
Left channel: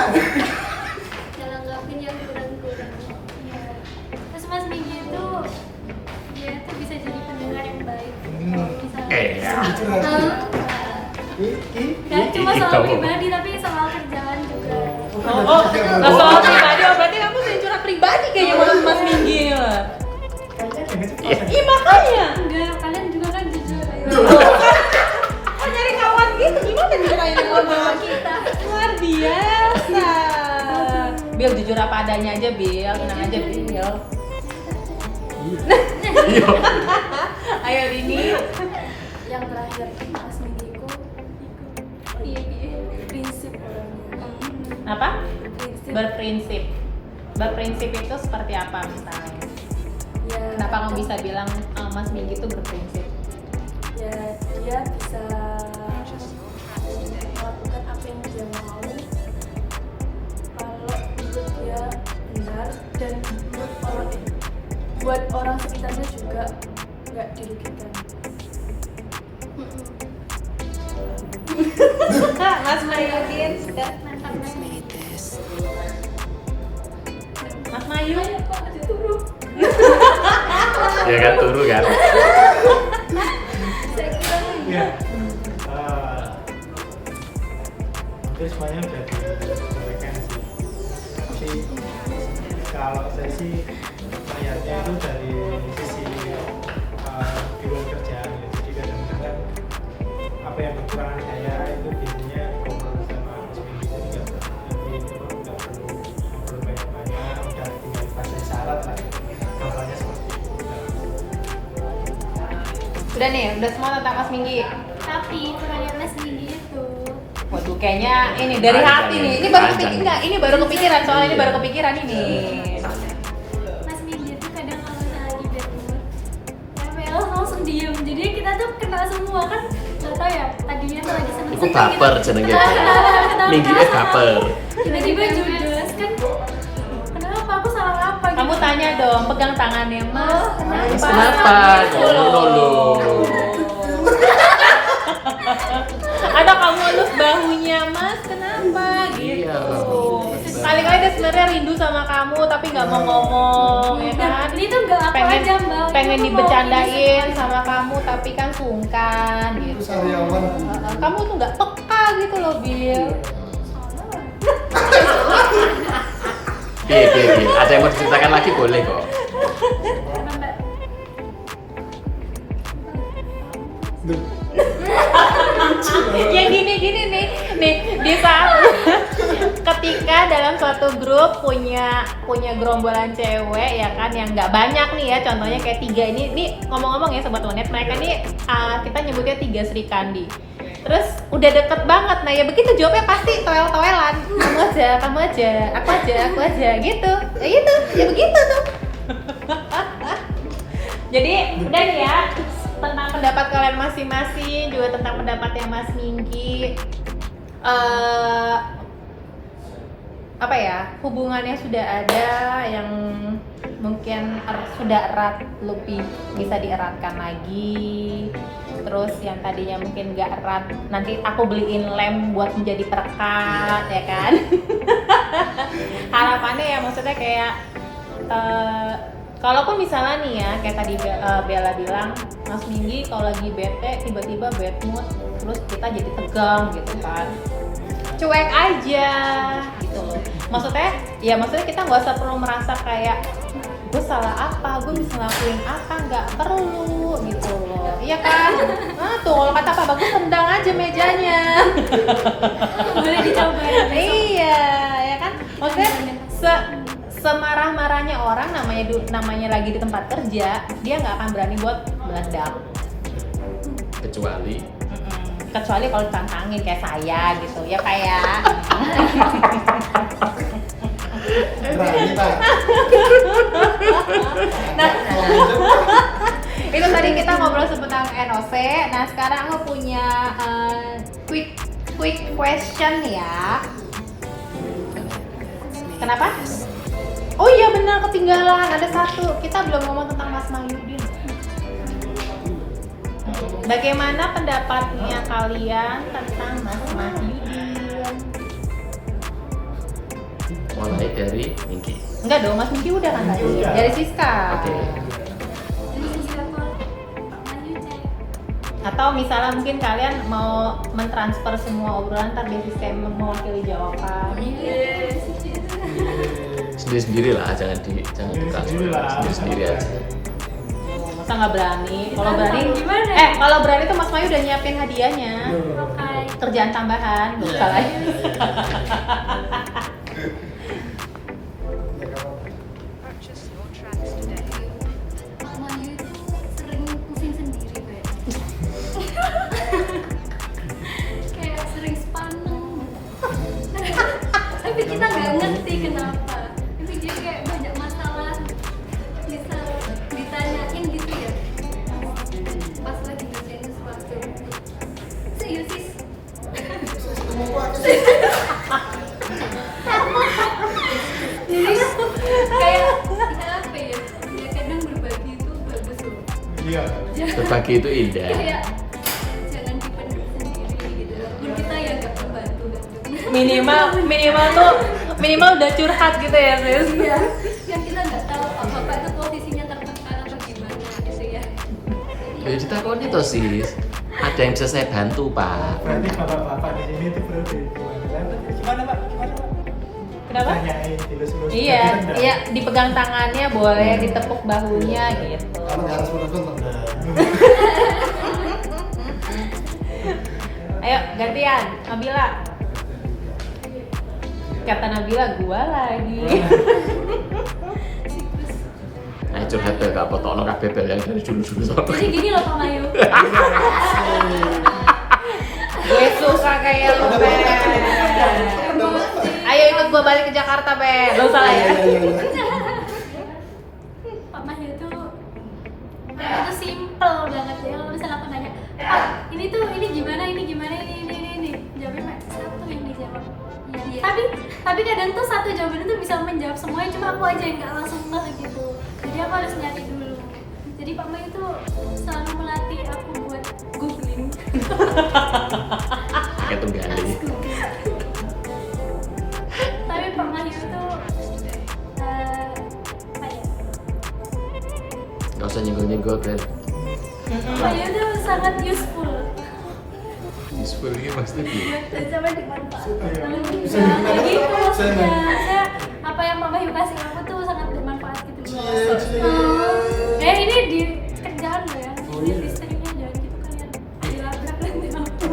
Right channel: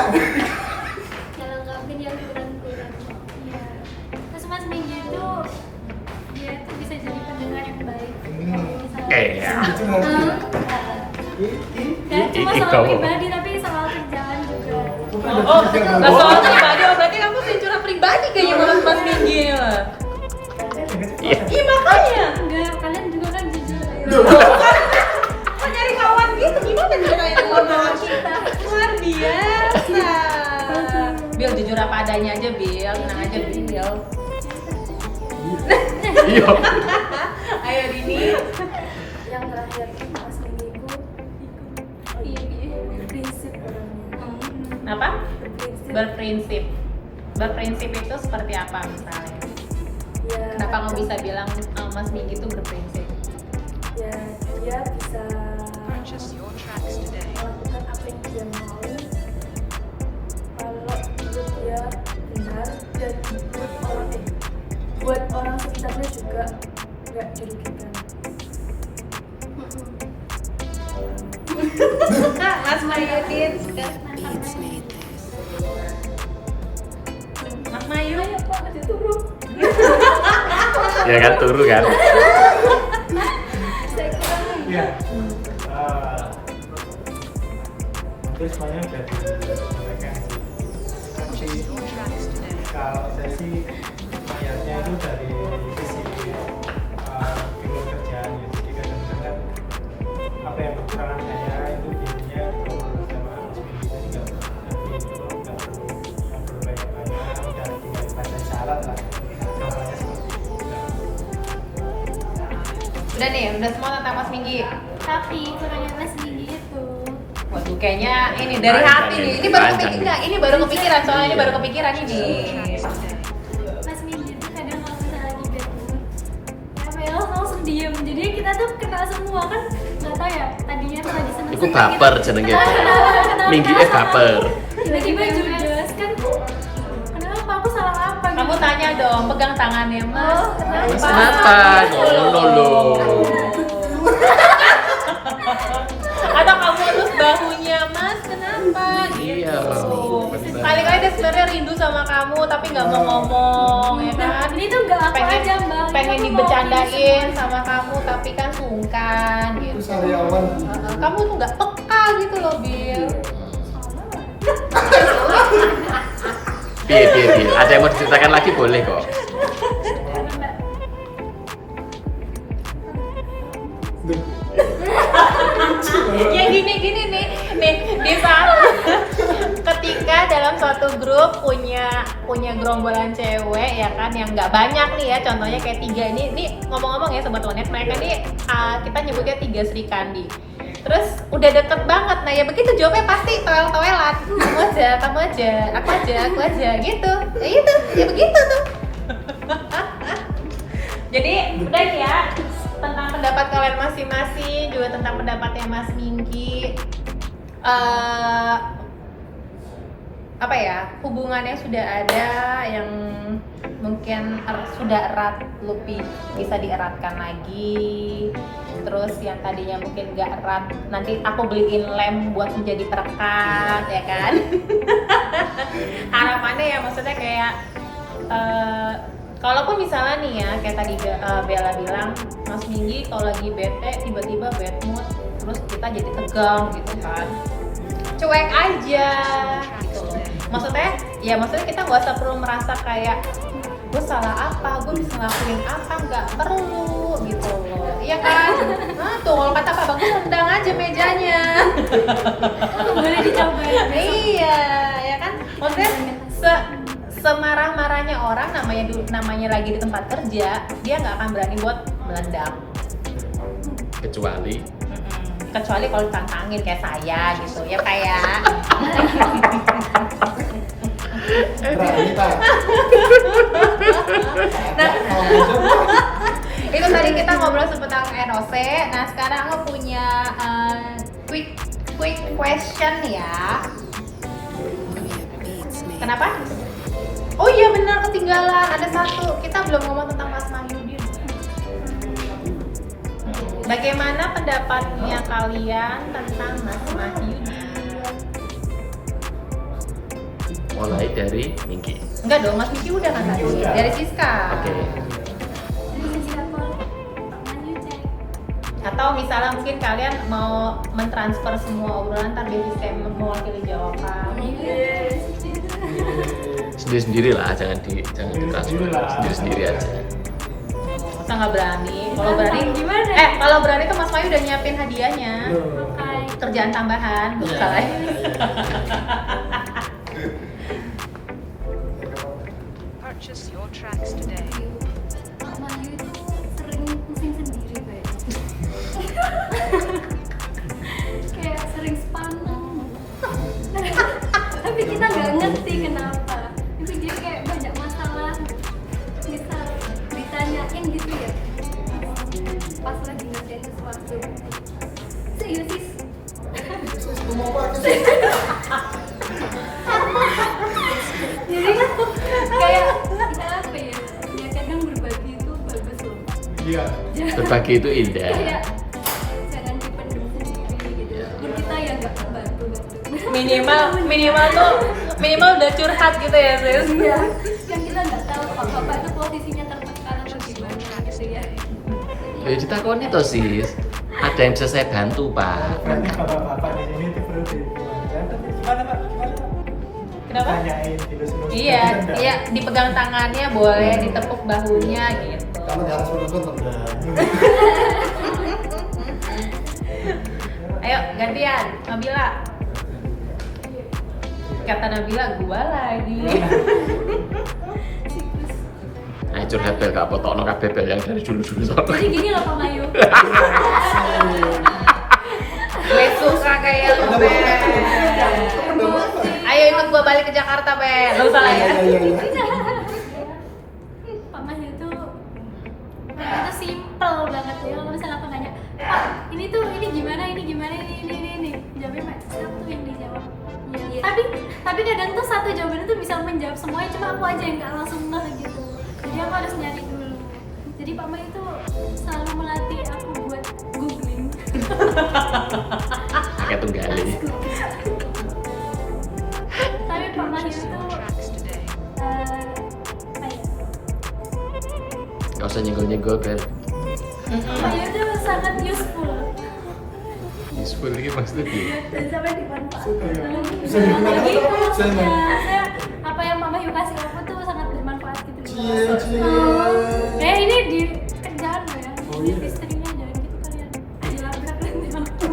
ngelengkapin yang kurang-kurang. Ya. Terus Mas Minggi itu dia tuh bisa jadi pendengar yang baik. Kalau misalnya Iya. dan cuma soal Iko. pribadi tapi soal kerjaan juga. Oh, pribadi. Berarti kamu tuh curhat pribadi kayaknya Mas Minggi lah. Iya makanya. Enggak, kalian juga kan jujur. Ayo. Nyari kawan gitu gimana caranya kalau bawa kita? Luar biasa. Bil jujur apa adanya aja Bil, tenang aja Bil. Iya. Ayo Dini. Yang terakhir Mas Minggiku Iya, iya. prinsip orangnya. Apa? Berprinsip. Berprinsip itu seperti apa misalnya? Ya, Kenapa kamu bisa bilang Mas Minggi itu berprinsip? ya dia bisa Purchase your tracks today. melakukan apa yang dia mau kalau menurut dia benar dan buat orang sekitarnya juga nggak dirugikan. Mas Mayu Mantap banget. Mas Mayu Ayo Pak, diturun. Ya kan turu kan. Saya kurang. Iya. Hampir semuanya udah disampaikan sih. Tapi Your tracks today. kalau saya sih melihatnya itu dari sisi di luar kerjaan ya. Jadi kadang-kadang apa yang kekurangan saya itu biasanya ngobrol sama Mas Minggi itu juga Udah nih, udah semua tentang Mas Minggi. Tapi kurangnya Mas Minggi itu Waduh, kayaknya ini dari Panjang hati nih. ini, Ini baru panjang kepikiran, nih. ini baru kepikiran soalnya ini baru kepikiran ini. Mas Minggi tuh kadang kalau misalnya lagi bad mood Bella langsung diem, jadi kita tuh kena semua kan nggak tahu ya tadinya tuh lagi seneng Iku baper jenenge. Minggi baper. tiba-tiba judes kan kenapa aku salah apa gitu. Kamu tanya dong, pegang tangannya Mas. Oh, Mas kenapa? Ngono lho. Atau kamu elus bahunya Mas, kenapa? Iya, bener. Paling aja sebenarnya rindu sama kamu tapi nggak mau ngomong, ya Nah, kan? ini tuh nggak aku aja mbak, pengen Ini aku mau dibercandain ini sama kamu tapi kan sungkan Itu gitu. sariawan. Kamu tuh nggak peka gitu loh Bil. Salah. Piye. Ada yang mau diceritakan lagi boleh kok. Karena mbak Duh, Ya gini nih Diva. Ketika dalam suatu grup punya gerombolan cewek ya kan yang nggak banyak nih ya, contohnya kayak 3 ini ngomong-ngomong ya sobat Onet, mereka ini kita nyebutnya 3 Sri Kandi. Terus udah deket banget, nah ya begitu jawabnya pasti toel-toelan. Kamu aja, aku aja gitu. Ya gitu, ya begitu tuh. Jadi udah nih ya, tentang pendapat kalian masing-masing, juga tentang pendapatnya Mas Minggi. Apa ya, hubungannya sudah ada yang mungkin sudah erat, lebih bisa dieratkan lagi. Terus yang tadinya mungkin gak erat, nanti aku beliin lem buat menjadi perekat, ya kan? Harapannya ya maksudnya kayak kalaupun misalnya nih ya kayak tadi Bella bilang, Mas Minggi kalau lagi bete tiba-tiba bad mood, terus kita jadi tegang gitu kan, cuek aja gitu loh. Maksudnya kita nggak usah perlu merasa kayak gue salah apa, gue bisa ngelakuin apa, nggak perlu gitu loh, iya kan? Nah tuh kalau kata Pak Bagus rendang aja mejanya. boleh dicoba ya besok. Iya, ya kan? Maksudnya semarah-marahnya orang namanya lagi di tempat kerja, dia nggak akan berani buat meledak. Kecuali Kecuali kalau ditantangin kayak saya gitu, ya kayak. berani Pak. Nah, Kalau hujan, Pak. itu tadi kita ngobrol seputar NOC. Nah sekarang aku punya quick question ya. Kenapa? Oh iya benar, ketinggalan ada satu. Kita belum ngomong tentang Mas Mahyudin. Bagaimana pendapatnya kalian tentang Mas Mahyudin? mulai dari Minggi. Enggak dong, Mas Minggi udah kan tadi. Udah. Dari Siska. Oke. Ini siapa? Pak Maju cek. Atau misalnya mungkin kalian mau mentransfer semua obrolan ntar dari sistem mewakili jawaban. Sendiri-sendiri lah, jangan Sendiri-sendiri lah. sendiri aja. Masa nggak berani? Kalau Ditantang berani gimana? kalau berani tuh Mas Mayu udah nyiapin hadiahnya. Loh. Pakai Kerjaan tambahan, bisa lah. Ya nggak apa-apa. Purchase your tracks today. Pak Maju itu sering pusing sendiri kayaknya. Kayak sering spaneng. Tapi kita nggak ngerti kenapa. Tapi dia kayak banyak masalah. Misal ditanyain gitu ya. Pas lagi ngerjain sesuatu. Serius sih. Sis, ngomong apa sih? Jadi kayak ya apa ya? Ya kadang berbagi itu bagus loh. Iya. Berbagi itu indah. Kayak jangan dipendam sendiri gitu. Walaupun kita ya nggak membantu bantu. minimal udah curhat gitu ya, Sis. Iya. Kan kita nggak tahu Pak Bapak itu posisinya tertekan atau gimana gitu ya. Ya ditakoni toh sis. Ada yang bisa saya bantu pak. Berarti bapak-bapak di sini tuh berarti gimana Pak? Gimana Pak? Kenapa? Tanyain dilus-lus. Iya, ditendang. iya dipegang tangannya boleh, ditepuk bahunya gitu. Kalau nggak harus menuntun tendang. Ayo gantian, Nabila. Kata Nabila, gua lagi. Ayo curhat bel gak potokno kabeh bel yang dari dulu-dulu sono. Jadi gini loh Pak Mayu. Gue suka kayak Ada Bel. Emosi. Ayo ikut gua balik ke Jakarta, Bel. Dosa ya. Iya. Pak Mayu itu itu simple banget ya. Kalau misalnya aku tanya, Pak, ini gimana, ini. Jawabnya Pak, satu yang dijawab. Iya. Tapi kadang tuh satu jawaban itu bisa menjawab semuanya, cuma aku aja yang nggak langsung ngeh gitu. Jadi aku harus nyari dulu. Jadi Pak Mayu itu selalu melatih aku buat googling. Kayak tunggali. Tapi Pak Mayu itu Tracks today. apa ya? Gak usah nyenggol-nyenggol bel. Pak Mayu itu sangat useful. Useful ini maksudnya piye? Dan sampai dimanfaatkan. Bisa digunakan Gitu apa? maksudnya. Saya apa yang Pak Mayu kasih aku tuh sangat bermanfaat gitu. Cie. Ini di kerjaan loh ya. Oh, Di iya. istrinya jangan gitu kalian. Dilabrak nanti aku.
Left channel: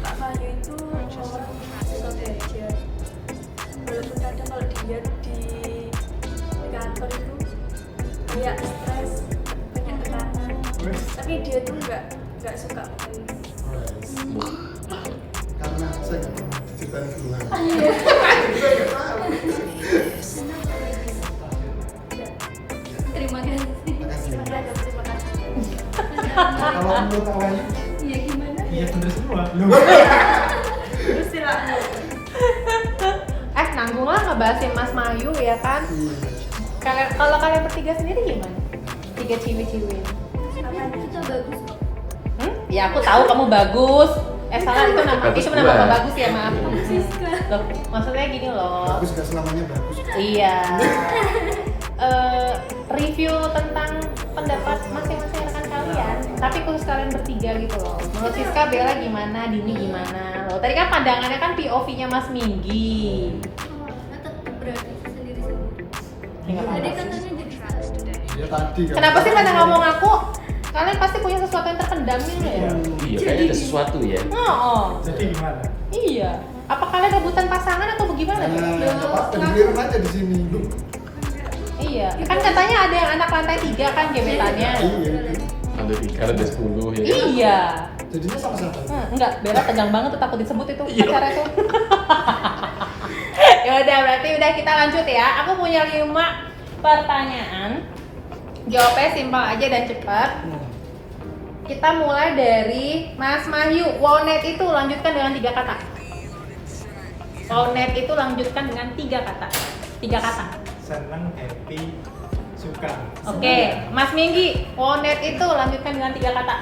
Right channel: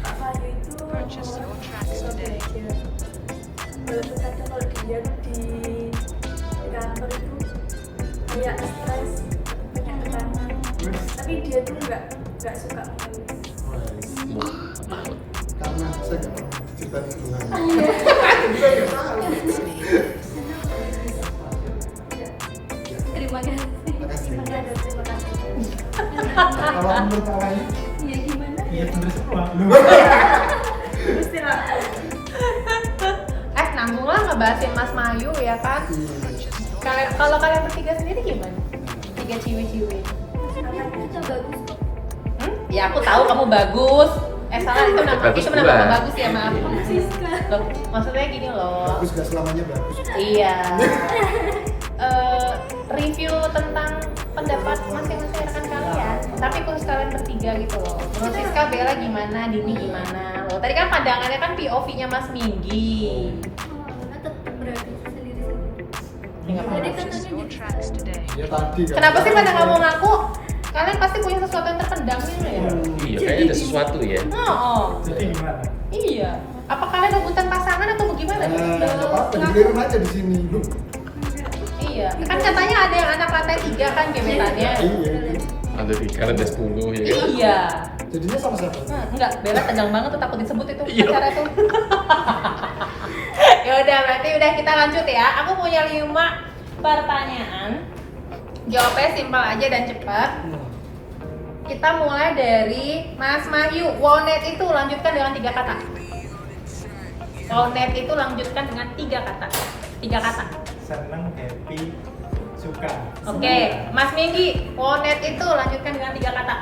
Pak Mayu itu Purchase your tracks suka today. belajar. Walaupun kadang kalau dilihat di kantor itu kayak stres, banyak tekanan. Tapi dia tuh nggak suka mengeluh. Wah, maut. Karena saya nggak pernah diceritain keluhan. Iya. Saya nggak tahu. Ya, Terima kasih. Makasih. terima kasih. Kalau menurut Awayu, Iya gimana? Iya bener semua. Terus ya, Nanggung lah ngebahasin Mas Mayu ya kan. Kayak kalau kalian bertiga sendiri gimana? Tiga ciwi-ciwi. Itu bagus kok. Ya aku tahu kamu bagus. Salah itu nama Bagus itu gua. nama bagus ya maaf. Aku Siska. Loh, maksudnya gini loh. bagus gak selamanya bagus. Iya. Review tentang pendapat masing-masing kan kalian. Tapi khusus kalian bertiga gitu loh. Menurut Siska, Bella gimana, Dini gimana? Loh, tadi kan pandangannya kan POV-nya Mas Minggi. Tetap berarti sendiri-sendiri. Ini Tadi kan katanya Your jadi tracks today. Ya tadi kan. Kenapa sih kalian ngomong aku? Kalian pasti punya sesuatu yang terpendam gitu ya? Iya, kayaknya ada sesuatu ya. Oh, jadi gimana? iya. Apa kalian rebutan pasangan atau bagaimana? Nggak apa-apa, dikelirin aja di sini. Loh. Iya. Kan katanya ada yang anak lantai 3 kan gebetannya. Iya. Ada 3, ada 10 ya. Iya. Jadinya sama siapa? Enggak, Bella tegang banget tuh takut disebut itu Iya. pacarnya tuh. Ya udah, berarti udah kita lanjut ya. Aku punya 5 pertanyaan. Jawabnya simpel aja dan cepat. Kita mulai dari Mas Mayu. Wonet itu lanjutkan dengan 3 kata. Wonet itu lanjutkan dengan 3 kata. 3 kata. Seneng, happy, suka. Oke, Mas Minggi. Wonet itu lanjutkan dengan 3 kata.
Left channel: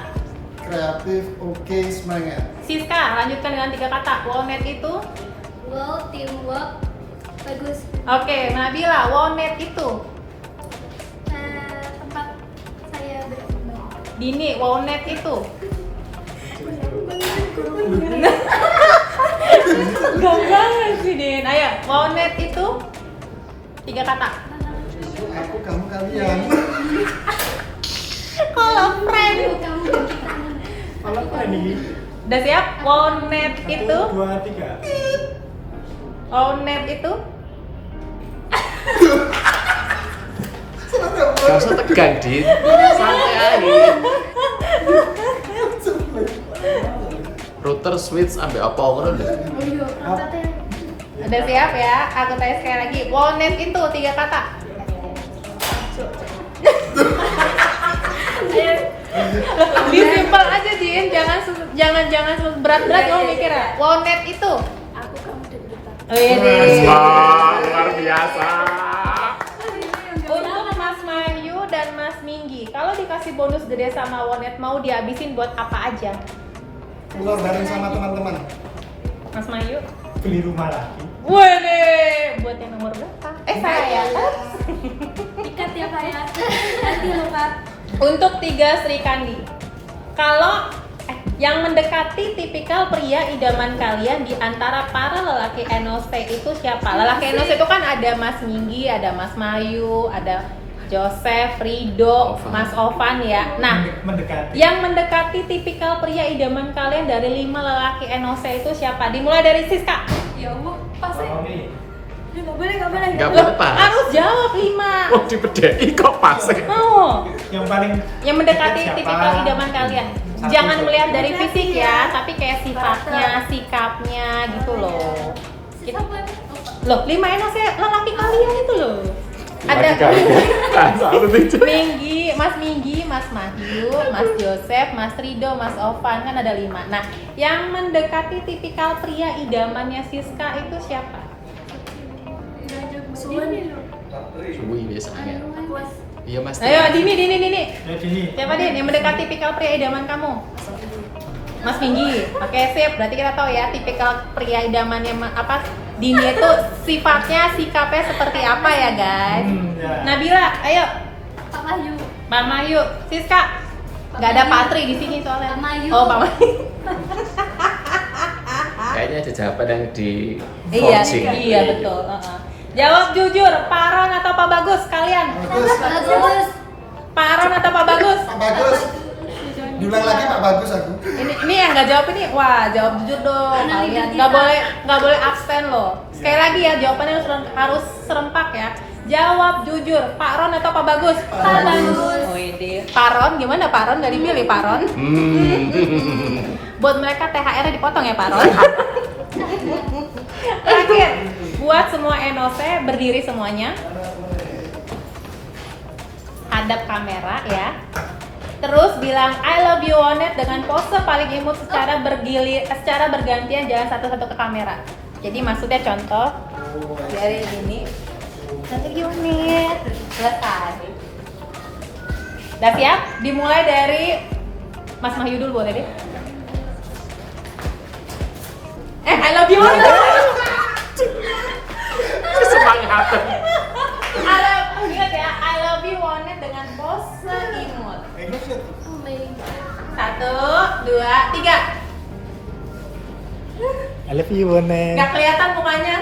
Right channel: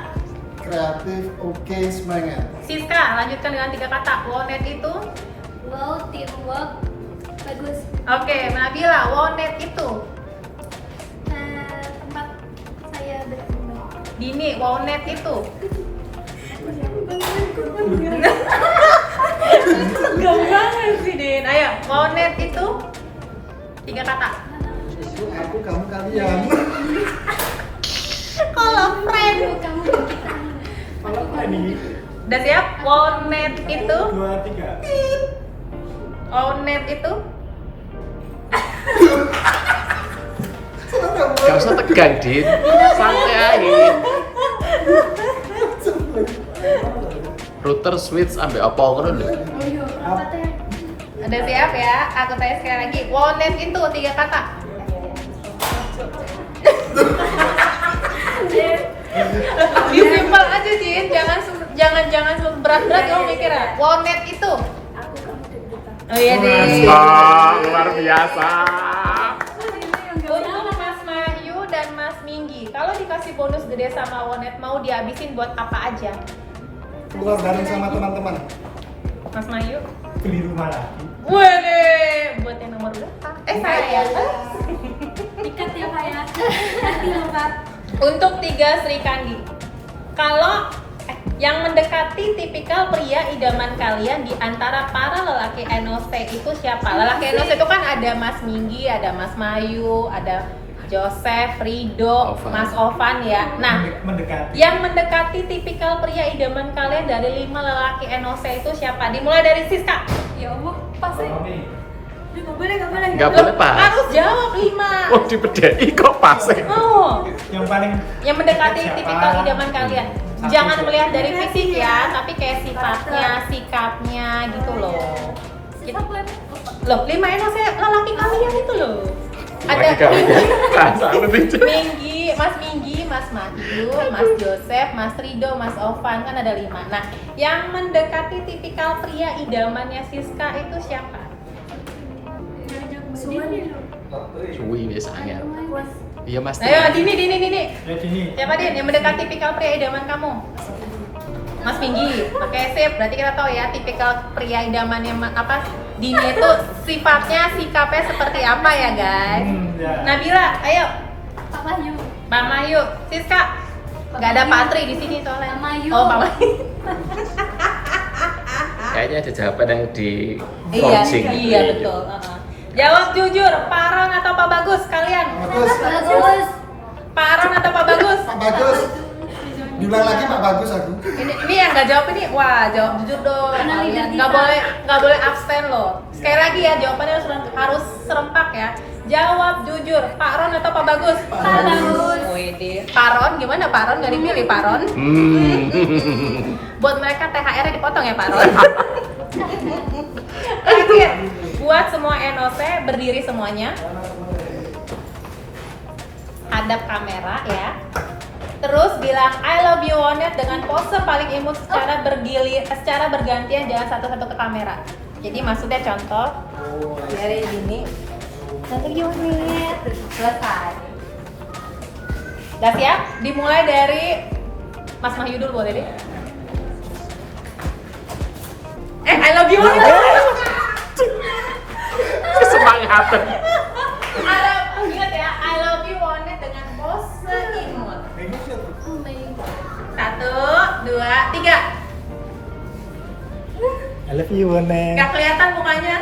Kreatif, oke, semangat. Siska, lanjutkan dengan 3 kata. Wonet itu. wow, teamwork bagus. Oke, Nabila. Wonet itu. Tempat saya berkembang. Dini, Wonet itu. Gak banget sih, Din. Ayo, Wonet itu 3 kata. Itu aku, kamu, kalian. Kalau friend. Kamu dan kita. Kalau apa nih? Udah siap? Wonet itu. 1, 2, 3. Wonet itu. Gak usah tegang, Din. Santai aja. Router switch ambil apa ngono lho. Oh iya, perangkatnya. Udah siap ya? Aku tanya sekali lagi. Wonet itu 3 kata. Lebih simpel aja, Din. Jangan berat-berat lo mikirnya. Wonet itu. aku kamu dan kita. Luar biasa. Untuk Mas Mayu dan Mas Minggi, kalau dikasih bonus gede sama Wonet mau dihabisin buat apa aja? Keluar bareng sama teman-teman. Mas Mayu? Beli rumah lagi. Wih, buat yang nomor berapa? Saya. Ikat ya Pak ya. Nanti loh Pak. Untuk 3 Sri Kandi. Kalau yang mendekati tipikal pria idaman kalian di antara para lelaki NOSP itu siapa? Lelaki NOSP itu kan ada Mas Minggi, ada Mas Mayu, ada Joseph, Rido, Ovan. Mas Ovan ya. Nah, Mendekati. yang mendekati tipikal pria idaman kalian dari 5 lelaki NOC itu siapa? Dimulai dari Siska. Ya Allah, pasti. Oke. Nggak boleh pas. Harus jawab 5. Oh dibedai kok pas. Oh. Yang paling Yang mendekati siapa? tipikal idaman kalian. Satu Jangan tuh. melihat dari fisik ya, tapi kayak sikapnya gitu loh. Loh, 5 maksudnya lelaki kalian itu loh. Lagi kali kan selalu itu. Mas Minggi, Mas Matthew, Mas Joseph, Mas Rido, Mas Ovan, kan ada 5. Nah, yang mendekati tipikal pria idamannya Siska itu siapa? Cuy biasanya. Iya Mas. Ayo, Dini. ya Dini. Siapa Din yang mendekati tipikal pria idaman kamu? Mas Minggi. Oke, sip. Berarti kita tahu ya tipikal pria idamannya apa? Dini itu sifatnya, sikapnya seperti apa ya, guys? Ya. Nabila, ayo. Pak Mama yuk. Siska. Nggak ada Patri di sini soalnya. Mama Yu. Oh, Mama Yu. Kayaknya ada jawaban yang di Iya, forcing. iya betul. Jawab jujur, Pak Aron atau Pak Bagus kalian? Bagus. Pak Aron atau Pak Bagus? Pak Bagus. Diulang lagi Pak Bagus aku. Ini yang nggak jawab ini, wah jawab jujur dong. Karena leader Nggak kita. boleh absen loh. Sekali lagi ya jawabannya harus serempak ya. Jawab jujur, Pak Aron atau Pak Bagus? Pak Bagus. Widih. Pak Aron gimana Pak Aron? Gak dipilih Pak Aron? Buat mereka THR-nya dipotong ya Pak Aron. Oke, buat semua NOC berdiri semuanya. Hadap kamera ya. Terus bilang I love you Onet dengan pose paling imut secara bergantian, jangan satu-satu ke kamera. Jadi maksudnya contoh dari gini. Satu gimana nih? Selesai. Udah siap? Dimulai dari Mas Mahyu dulu boleh deh. I love you Onet. Semangat. Ingat ya, I love you Onet dengan pose imut. Satu, dua, tiga. I love you Onet. Nggak kelihatan mukanya.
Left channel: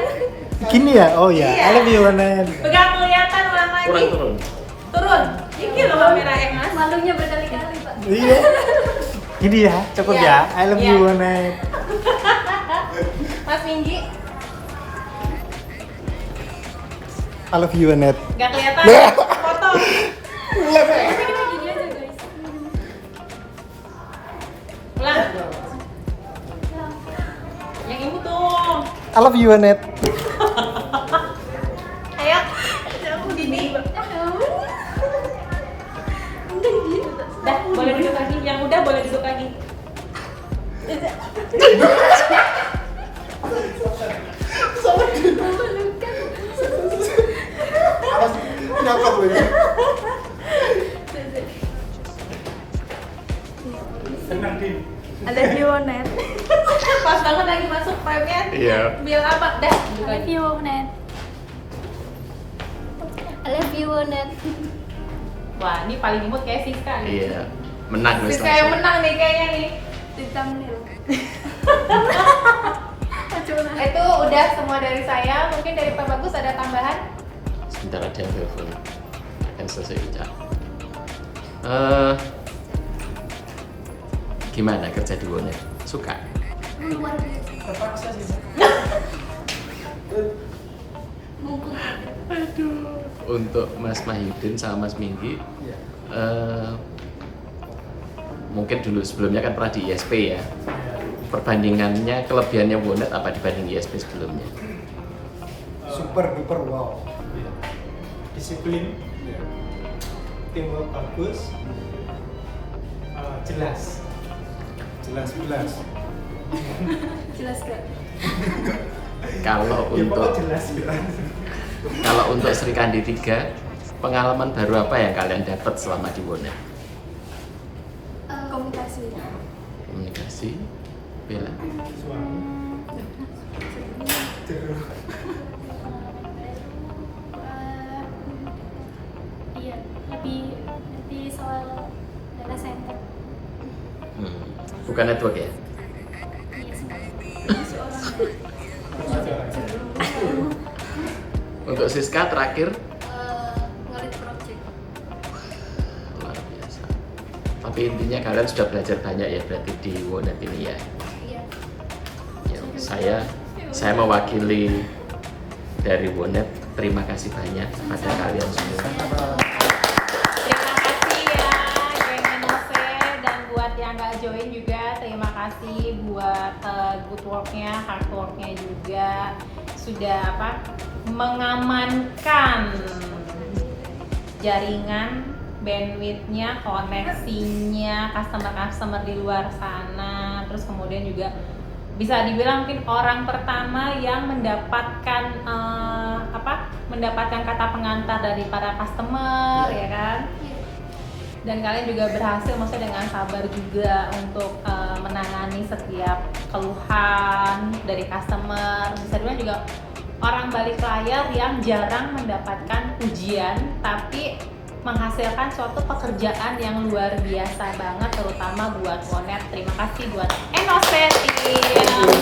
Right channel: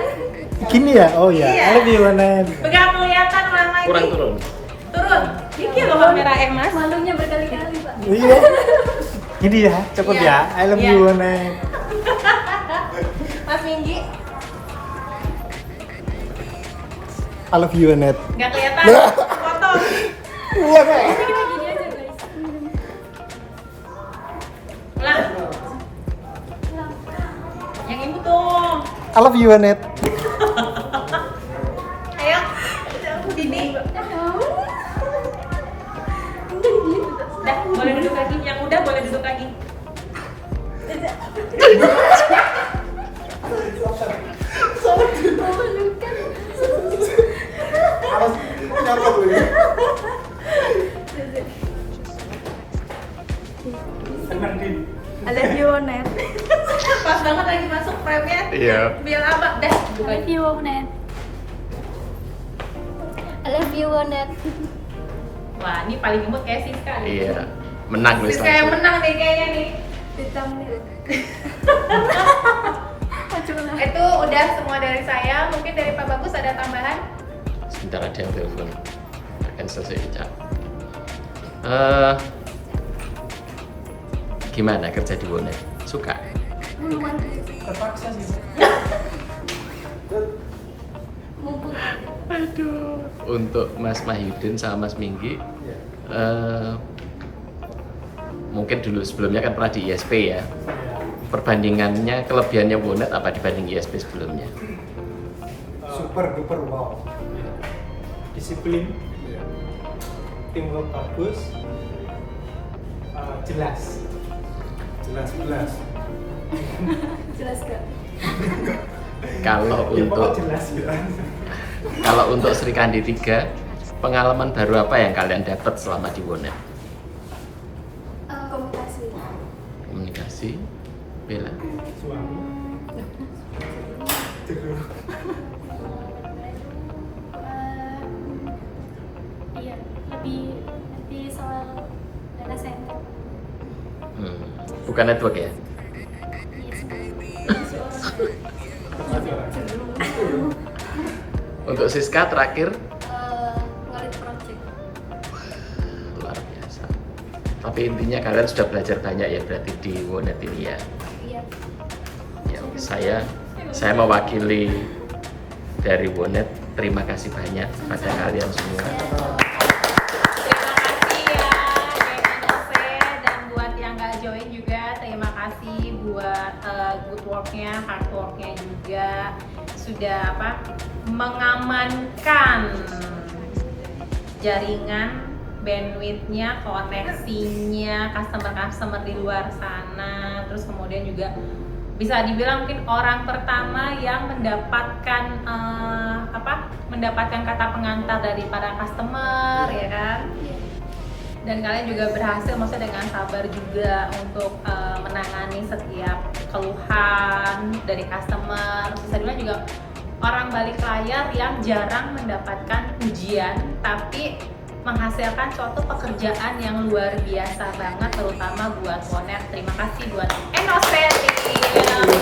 Gini ya? Oh ya, Iya. I love you Onet. Nggak kelihatan orang lagi. Kurang turun. Turun. Dikit loh kamera Mas. Malunya berkali-kali, Pak. Iya. Gini ya, cukup Iya. ya. I love Iya. you Onet. Mas Minggi, I love you Onet. nggak kelihatan. Lah. Foto. Kita gini aja, guys. Lah. Yang ibu dong. I love you Onet. Ayo. Aku gini. Dah, boleh duduk lagi. Yang udah boleh duduk lagi. Nyangkut lagi. Senang Din. I love you Onet. Pas banget lagi masuk frame-nya. Iya. Biar apa? Dah. I love you, Onet. I love you, Onet. Wah, ini paling imut kayak Siska nih. Iya. Menang wis Siska yang langsung. menang nih kayaknya nih. Di thumbnail. Itu udah semua dari saya. Mungkin dari Pak Bagus ada tambahan? Sebentar ada yang telepon. Akan selesai bicara. Gimana kerja di Wonet? Suka? Luar biasa. Terpaksa sih. Mumpung Aduh. Untuk Mas Mahyudin sama Mas Minggi, Iya. mungkin dulu sebelumnya kan pernah di ISP ya. Ya. Perbandingannya, kelebihannya Wonet apa dibanding ISP sebelumnya? Super duper wow. Iya. Disiplin, Iya. teamwork bagus, jelas. Jelas. Jelas gak? Kalau Ya untuk pokoknya jelas gitu. kalau untuk Sri Kandi 3, pengalaman baru apa yang kalian dapat selama di Wonet? Komunikasi. Komunikasi, Bella. Suami. iya, lebih soal data center. Bukan network ya? Iya, Untuk Siska terakhir Ngarit project. luar biasa. Tapi intinya kalian sudah belajar banyak ya berarti di Wonet ini ya. Iya. Ya, saya mewakili dari Wonet, terima kasih banyak pada kalian semua. Terima kasih ya GNC, dan buat yang nggak join juga terima kasih buat good worknya, hard worknya juga sudah mengamankan jaringan, bandwidthnya, koneksinya, customer di luar sana. Terus kemudian juga bisa dibilang mungkin orang pertama yang mendapatkan mendapatkan kata pengantar dari para customer, ya kan? Dan kalian juga berhasil maksudnya dengan sabar juga untuk menangani setiap keluhan dari customer. Bisa dibilang juga orang balik layar yang jarang mendapatkan pujian tapi menghasilkan suatu pekerjaan yang luar biasa banget, terutama buat Wonet. Terima kasih buat Enosetim.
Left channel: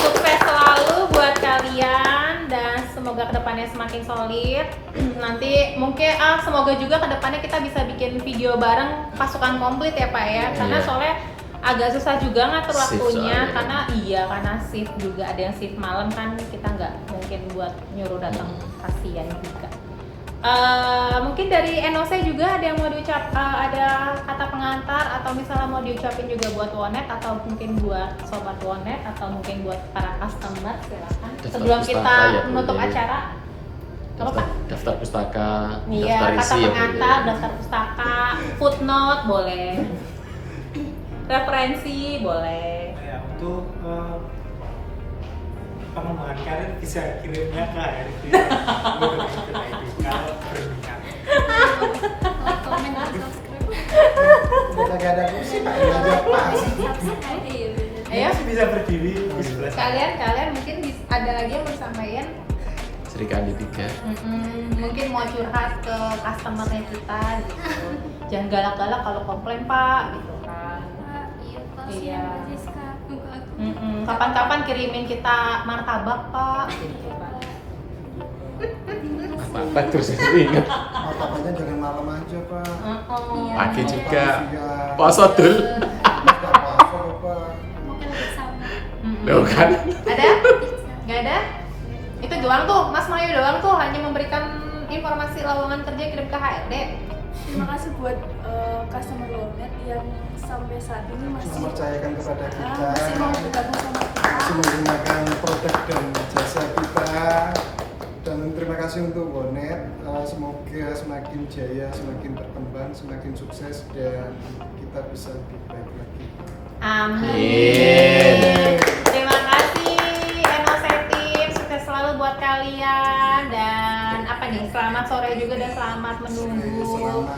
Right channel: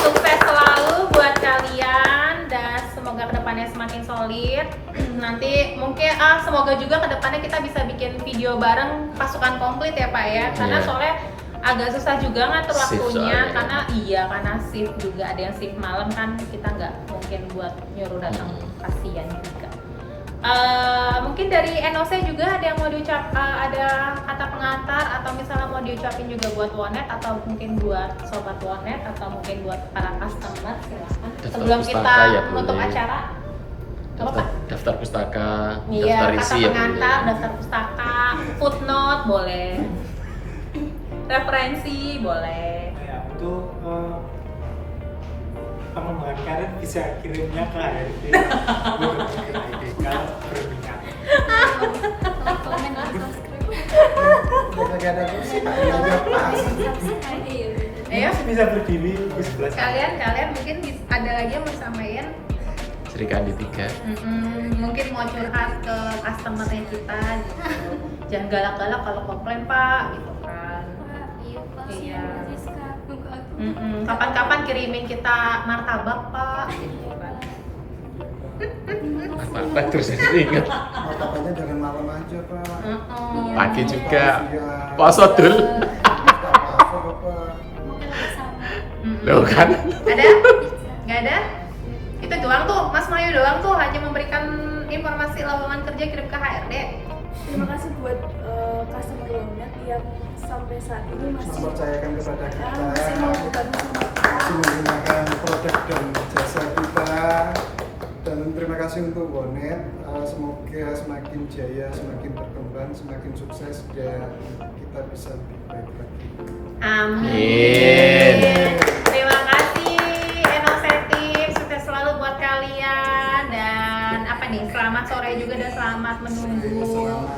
Sukses selalu buat kalian dan semoga kedepannya semakin solid. Nanti mungkin semoga juga kedepannya kita bisa bikin video bareng pasukan komplit ya Pak ya, karena Iya. soalnya agak susah juga ngatur Shift waktunya soalnya. karena shift juga ada yang shift malam kan, kita nggak mungkin buat nyuruh datang, kasihan juga. Mungkin dari NOC juga ada yang mau ada kata pengantar atau misalnya mau diucapin juga buat Wonet atau mungkin buat sobat Wonet atau mungkin buat para customer. Daftar Sebelum kita pustaka ya menutup boleh. acara. Daftar pustaka, Iya, daftar kata isi ya pengantar, boleh. daftar pustaka, footnote boleh, referensi boleh. Ya, untuk pengembangan karir bisa kirimnya ke HRD kalau berminat. Like, komen, dan subscribe. Udah kagak ada kursi, Pak. Ini aja pas. Subscribe. Iya, bener. Ayo, Masih bisa berdiri di sebelah sana. kalian mungkin ada lagi yang mau sampaikan? Sri Kandi 3. Mungkin mau curhat ke customernya kita gitu. Jangan galak-galak kalau komplain Pak gitu kan. Pak, iya Pak, Iya. kasihan Mbak Siska. Nunggu aku. Kapan-kapan kirimin kita martabak Pak. Iya, Pak. Apa terus ingat Martabaknya jangan malam aja, Pak. Iya. pagi juga. Siang. Poso dul. Nggak apa-apa, Pak. Mungkin lebih sama. Loh kan. Ada? Nggak ada? Itu doang tuh, Mas Mayu doang tuh hanya memberikan informasi lowongan kerja kirim ke HRD. Terima kasih buat customer Wonet yang sampai saat ini masih Mempercayakan kepada kita. masih mau bergabung sama kita. Masih menggunakan produk dan jasa kita. Dan terima kasih untuk Wonet. Semoga semakin jaya, semakin berkembang, semakin sukses dan kita bisa lebih baik lagi. Amin. Terima kasih Enosetim, sukses selalu buat kalian dan apa nih? Selamat sore juga dan selamat menunggu. Selamat